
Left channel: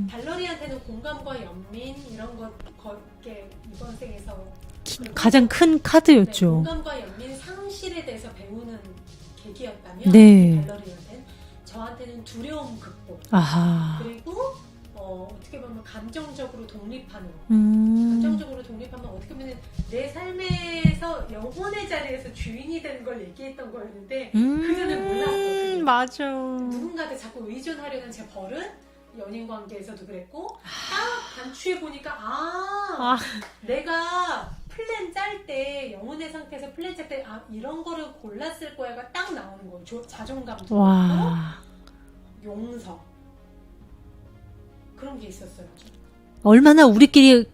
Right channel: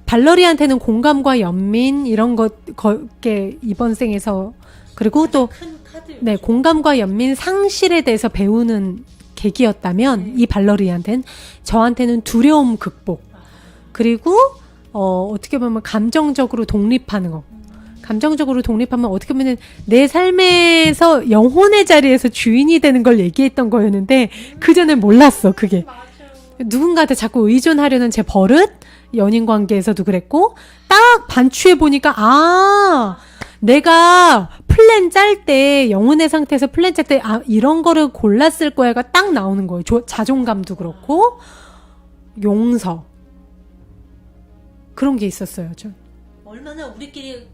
발러리한테는 공감과 연민 이런 것게 이번 생에서 그리고 가장 또 큰 카드였죠. 네, 공감과 연민 상실에 대해서 배우는 계기였다면 네. 이 발러리한테는 저한테는 두려움 극복 아하. 그리고 어떻게 보면 감정적으로 독립하는 거. 감정적으로 독립하면 어떻게 보면 내 삶에서 영혼의 자리에서 주인이 되는 걸 얘기했던 거였는데 그 전에 몰랐어 그게. 맞아. 누군가한테 자꾸 의존하려는 제 버릇 연인 관계에서도 그랬고 딱 반추해 보니까 내가 플랜 짤 때 영혼의 상태에서 플랜 짤 때 이런 거를 골랐을 거야가 딱 나오는 거예요. 자존감도 그렇고 용서 그런 게 있었어요. 좀. 얼마나 우리끼리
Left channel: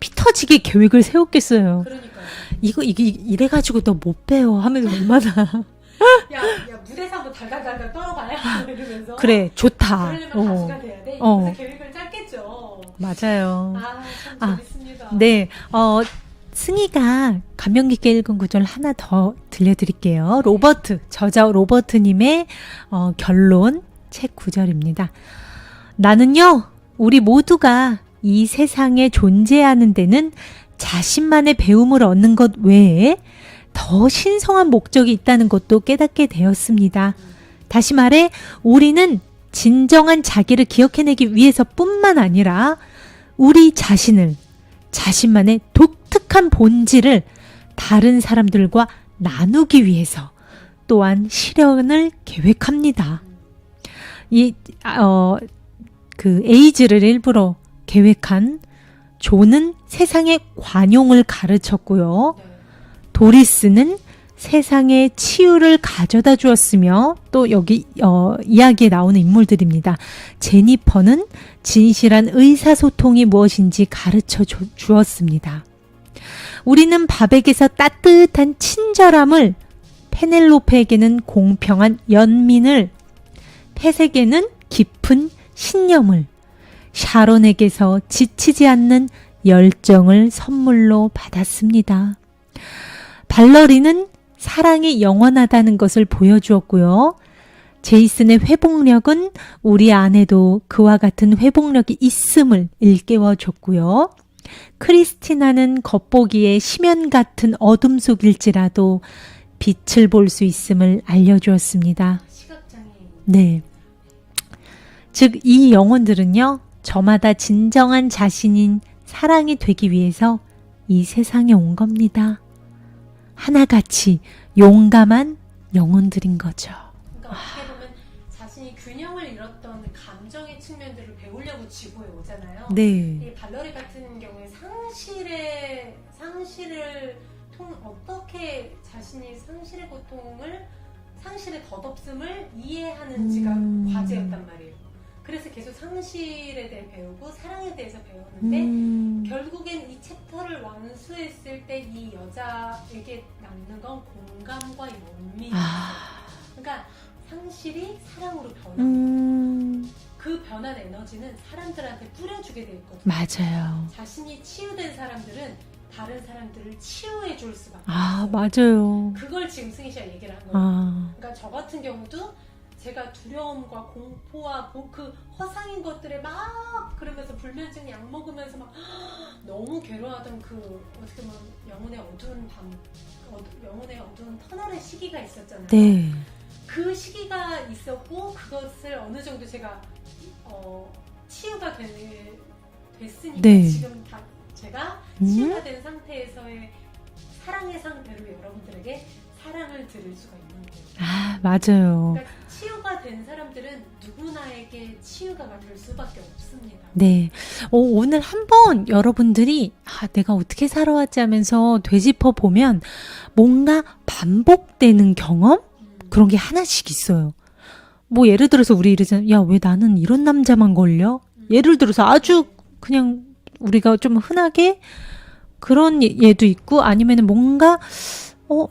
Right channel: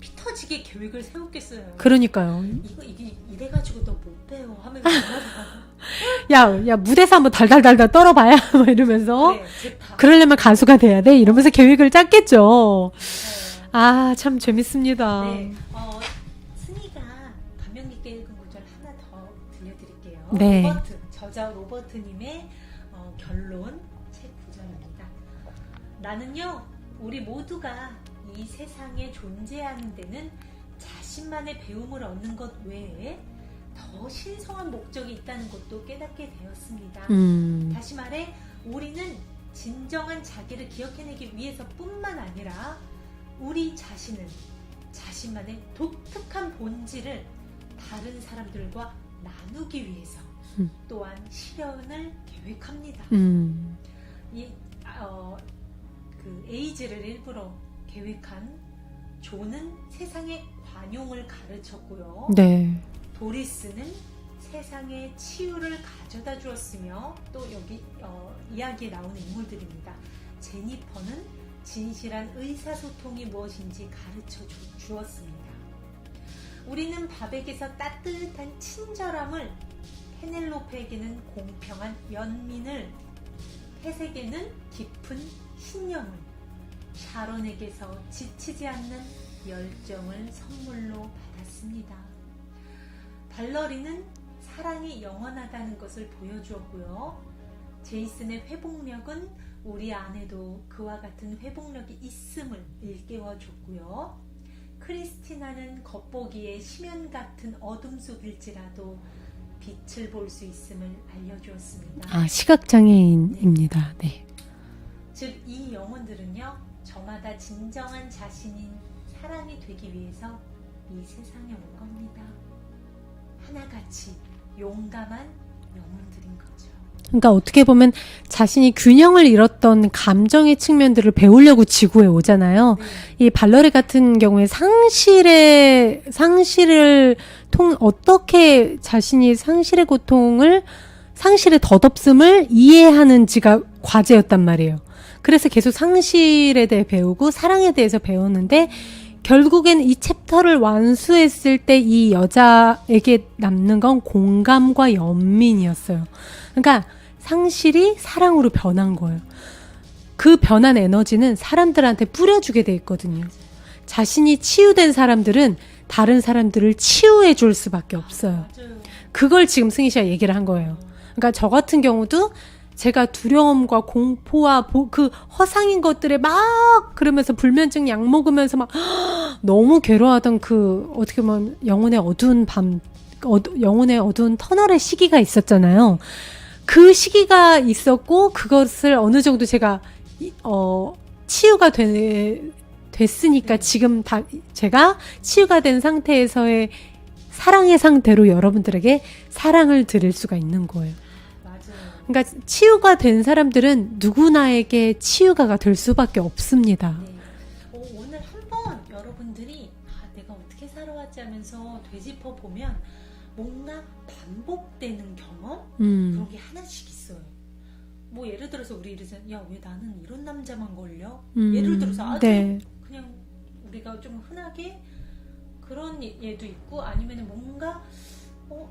피 터지게 계획을 세웠겠어요. 그러니까요. 이게 이래가지고 너 못 배워 하면서 얼마나 야 무대에서 한번 달달달달 떨어봐야 이러면서 그래 좋다. 그러려면 가수가 돼야 돼 이러면서 계획을 짰겠죠. 맞아요. 참 재밌습니다. 네, 승희가 감명 깊게 읽은 구절 하나 더 들려드릴게요. 네. 저자 로버트님의 결론 책 구절입니다. 나는요, 우리 모두가 이 세상에 존재하는 데는 자신만의 배움을 얻는 것 외에 더 신성한 목적이 있다는 것도 깨닫게 되었습니다. 다시 말해, 우리는 진정한 자기를 기억해내기 위해서뿐만 아니라 우리 자신만의 독특한 본질을 다른 사람들과 나누기 위해서 또한 실현을 계획합니다. 그 에이즈를 일부러 계획한 조는 세상의 관용을 가르쳤고요. 네. 도리스는 세상의 치유를 가져다 주었으며 또 여기 이야기에 나오는 인물들입니다. 제니퍼는 진실한 의사소통이 무엇인지 가르쳐 주었습니다. 우리는 밥에게서 따뜻한 친절함을, 페넬로페에게는 공평한 연민을, 펫에게는 깊은 신념을, 샤론에게서 지치지 않는 열정을 선물로 받았습니다. 발러리는 사랑이 영원하다는 것을 보여주었고요. 제이슨의 회복력은 우리 안에도 그와 같은 회복력이 있음을 일깨워줬고요. 크리스티나는 겉보기에 심연 같은 어둠 속일지라도 빛을 볼 수 있음을 알려주었습니다. 시각장애인입니다. 네. 즉, 이 영혼들은요, 저마다 진정한 자신인 사랑이 되기 위해서 이 세상에 온 겁니다. 하나같이 용감한 영혼들인 거죠. 그러니까 어떻게 보면 자신이 균형을 잃었던 감정의 측면들을 배우려고 지구에 오잖아요. 네. 이 발러리 같은 경우에 상실을 어떻게 자신이 상실의 고통을, 상실의 덧없음을 이해하는지가 과제였단 말이에요. 그래서 계속 상실에 대해 배우고 사랑에 대해서 배우는데 결국엔 이 챕터를 완수했을 때 이 여자에게 남는 건 공감과 연민이었어요. 그러니까 상실이 사랑으로 변한 거예요. 그 변한 에너지는 사람들한테 뿌려주게 돼 있거든요. 맞아요. 자신이 치유된 사람들은 다른 사람들을 치유해 줄 수밖에 없어요. 맞아요. 그걸 지금 승희 씨가 얘기를 한 거예요. 그러니까 저 같은 경우도 제가 두려움과 공포와 그 허상인 것들에 막 그러면서 불면증 약 먹으면서 막 너무 괴로워하던 그 어떻게 보면 영혼의 어두운 영혼의 어두운 터널의 시기가 있었잖아요. 네. 그 시기가 있었고 그것을 어느 정도 제가 치유가 됐으니까 네. 지금 다 제가 치유가 된 상태에서의 사랑의 상태로 여러분들에게 사랑을 드릴 수가 있는 거예요. 아, 맞아요. 그러니까 치유가 된 사람들은 누구나에게 치유가가 될 수밖에 없습니다. 네. 오늘 한번 여러분들이 내가 어떻게 살아왔지 하면서 되짚어 보면 뭔가 반복되는 경험? 그런 게 하나씩 있어요. 뭐 예를 들어서 우리 이러잖아요. 야, 왜 나는 이런 남자만 걸려? 예를 들어서 아주 네. 그냥 우리가 좀 흔하게 그런 예도 있고 아니면은 뭔가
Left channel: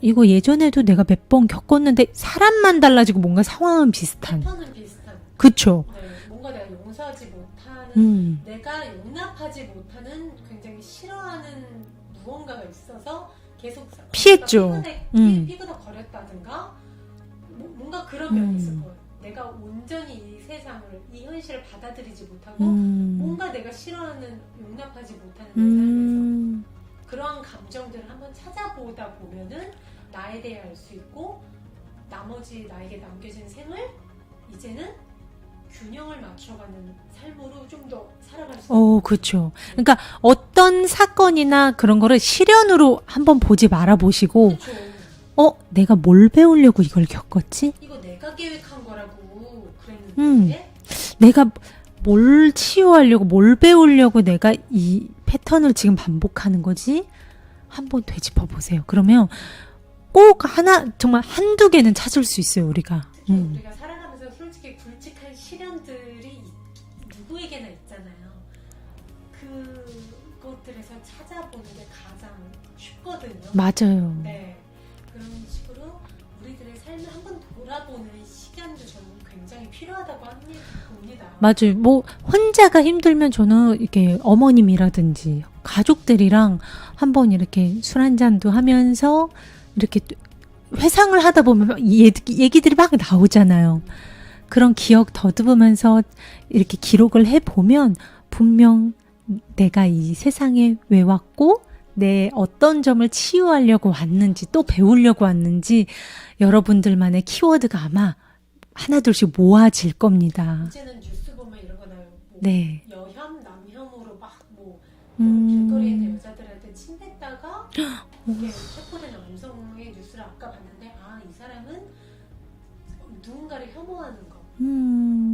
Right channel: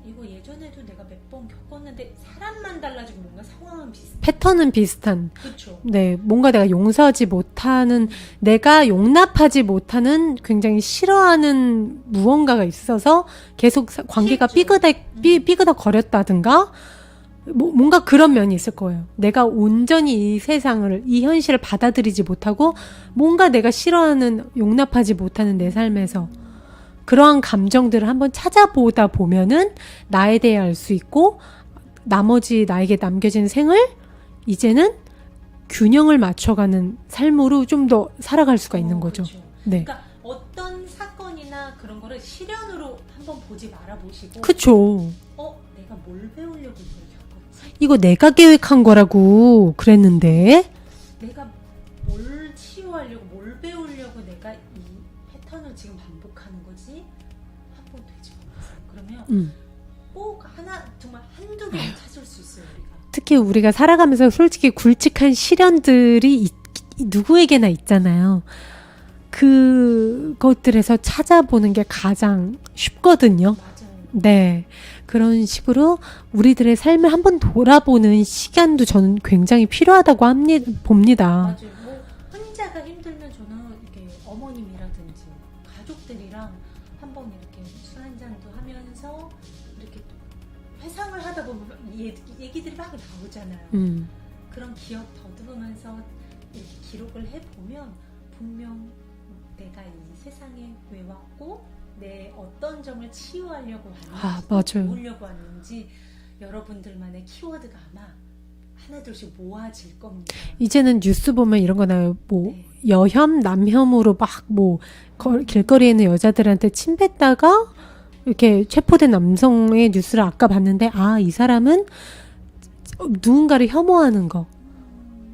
이거 예전에도 내가 몇 번 겪었는데 사람만 달라지고 뭔가 상황은 비슷한. 패턴은 비슷한. 그쵸. 네, 뭔가 내가 용서하지 못하는, 내가 용납하지 못하는 굉장히 싫어하는 무언가가 있어서 계속 관계가 피했죠. 삐그덕 거렸다든가 뭔가 그런 면이 있을 거예요. 내가 온전히 이 세상을, 이 현실을 받아들이지 못하고 뭔가 내가 싫어하는, 용납하지 못하는 내 삶에서 그러한 감정들을 한번 찾아보다 보면은 나에 대해 알 수 있고 나머지 나에게 남겨진 생을 이제는 균형을 맞춰가는 삶으로 좀 더 살아갈 수가 있는 거죠. 그렇죠. 네. 그러니까 어떤 사건이나 그런 거를 실연으로 한번 보지 말아 보시고 그쵸. 내가 뭘 배우려고 이걸 겪었지? 이거 내가 계획한 거라고 그랬는데 내가 뭘 치유하려고 뭘 배우려고 내가 이 패턴을 지금 반복하는 거지? 한번 되짚어 보세요. 그러면 꼭 정말 한두 개는 찾을 수 있어요, 우리가. 특히 우리가 살아가면서 솔직히 굵직한 시련들이 누구에게나 있잖아요. 그것들에서 찾아보는 게 가장 쉽거든요. 맞아요. 네. 그런 식으로 우리들의 삶을 한번 돌아보는 시간도 저는 굉장히 필요하다고 봅니다. 맞아요. 뭐 혼자가 힘들면 저는 이렇게 어머님이라든지 가족들이랑 한번 이렇게 술 한 잔도 하면서 이렇게 회상을 하다 보면 얘기들이 막 나오잖아요. 그런 기억 더듬으면서 이렇게 기록을 해보면 분명 내가 이 세상에 왜 왔고 내 어떤 점을 치유하려고 왔는지 또 맞아요. 배우려고 왔는지 여러분들만의 키워드가 아마 하나둘씩 모아질 겁니다. 이제는 뉴스 보면 이런 거 나와요. 뭐 네. 여혐, 남혐으로 막 뭐 길거리에 있는 여자들한테 침 뱉다가 이렇게 체포된 남성의 뉴스를 아까 봤는데 이 사람은 누군가를 혐오하는 거.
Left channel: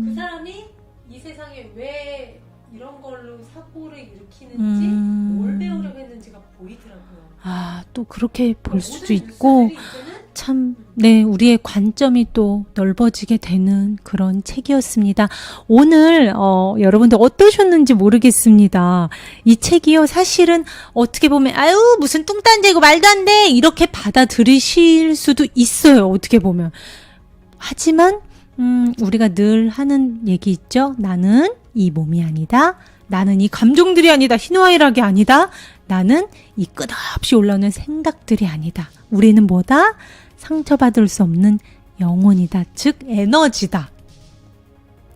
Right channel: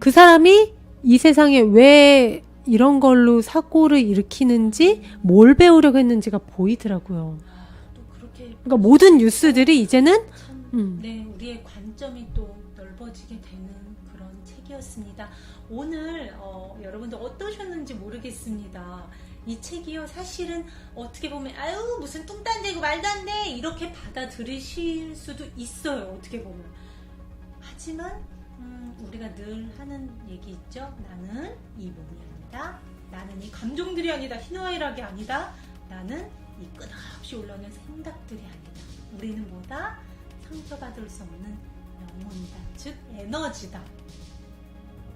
그 사람이 이 세상에 왜 이런 걸로 사고를 일으키는지 뭘 배우려고 했는지가 보이더라고요. 또 그렇게 볼 그러니까 수 모든 있고 뉴스들이 이제는 참, 네, 우리의 관점이 또 넓어지게 되는 그런 책이었습니다. 오늘, 여러분들 어떠셨는지 모르겠습니다. 이 책이요, 사실은 어떻게 보면, 무슨 뚱딴지고 말도 안 돼! 이렇게 받아들이실 수도 있어요, 어떻게 보면. 하지만, 우리가 늘 하는 얘기 있죠? 나는 이 몸이 아니다. 나는 이 감정들이 아니다. 희노애락이 아니다. 나는 이 끝없이 올라오는 생각들이 아니다. 우리는 뭐다? 상처받을 수 없는 영혼이다. 즉 에너지다.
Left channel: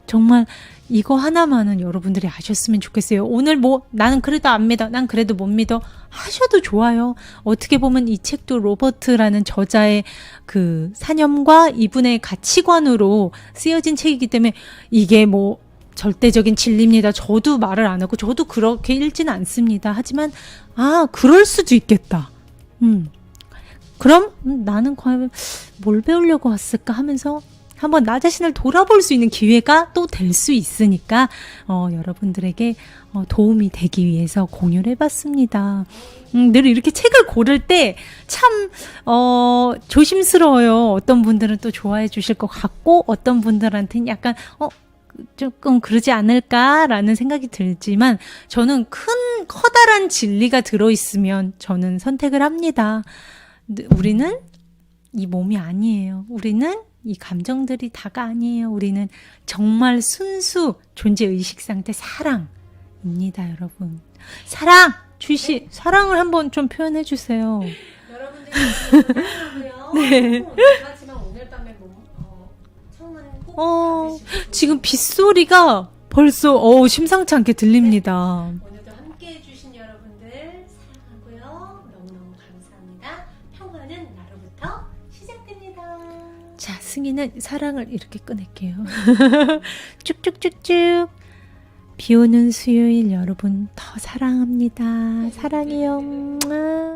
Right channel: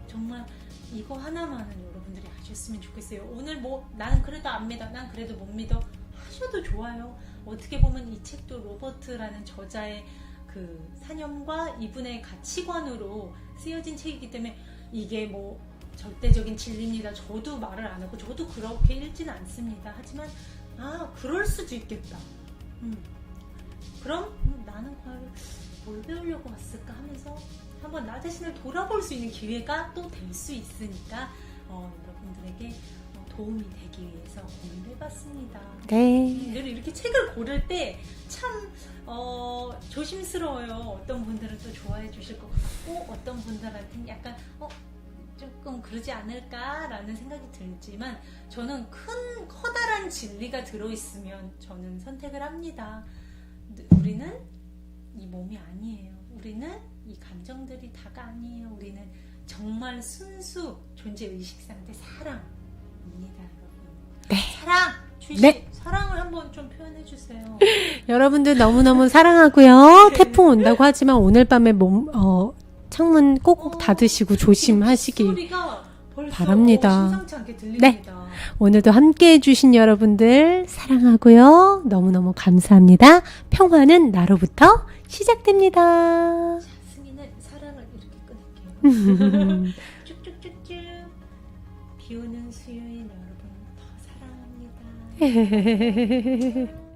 정말 이거 하나만은 여러분들이 아셨으면 좋겠어요. 오늘 나는 그래도 안 믿어. 난 그래도 못 믿어. 하셔도 좋아요. 어떻게 보면 이 책도 로버트라는 저자의 그 사념과 이분의 가치관으로 쓰여진 책이기 때문에 이게 절대적인 진리입니다. 저도 말을 안 하고 저도 그렇게 읽지는 않습니다. 하지만 그럴 수도 있겠다. 그럼 나는 과연 뭘 배우려고 왔을까 하면서 한번 나 자신을 돌아볼 수 있는 기회가 또 될 수 있으니까 여러분들에게 도움이 되기 위해서 공유를 해봤습니다. 네. 늘 이렇게 책을 고를 때 참 조심스러워요. 어떤 분들은 또 좋아해 주실 것 같고 어떤 분들한테는 약간 조금 그러지 않을까라는 생각이 들지만 저는 커다란 진리가 들어있으면 저는 선택을 합니다. 우리는 이 몸이 아니에요. 우리는 이 감정들이 다가 아니에요. 우리는 정말 순수 존재의식 상태 사랑입니다, 여러분. 네. 사랑! 주희 씨, 네. 사랑을 한번 좀 표현해 주세요. 여러분들 너무너무 사랑하고요. 태풍 온다고 하지만 오늘 밤에 창문 꼭 닫으시고 지금 조심하시기 빗소리가 벌써 바랍니다. 심상치 않게 들립니다. 오늘도 함께 해주신 여러분들 사랑하고요. 너무너무 감사합니다. 평화는 나로부터 시작됩니다. 자, 승희는 사랑을 이렇게 꺼낼게요. 쭉쭉쭉쭉. 비 오는 수요일 여러분 더 사랑합니다. 사랑해요.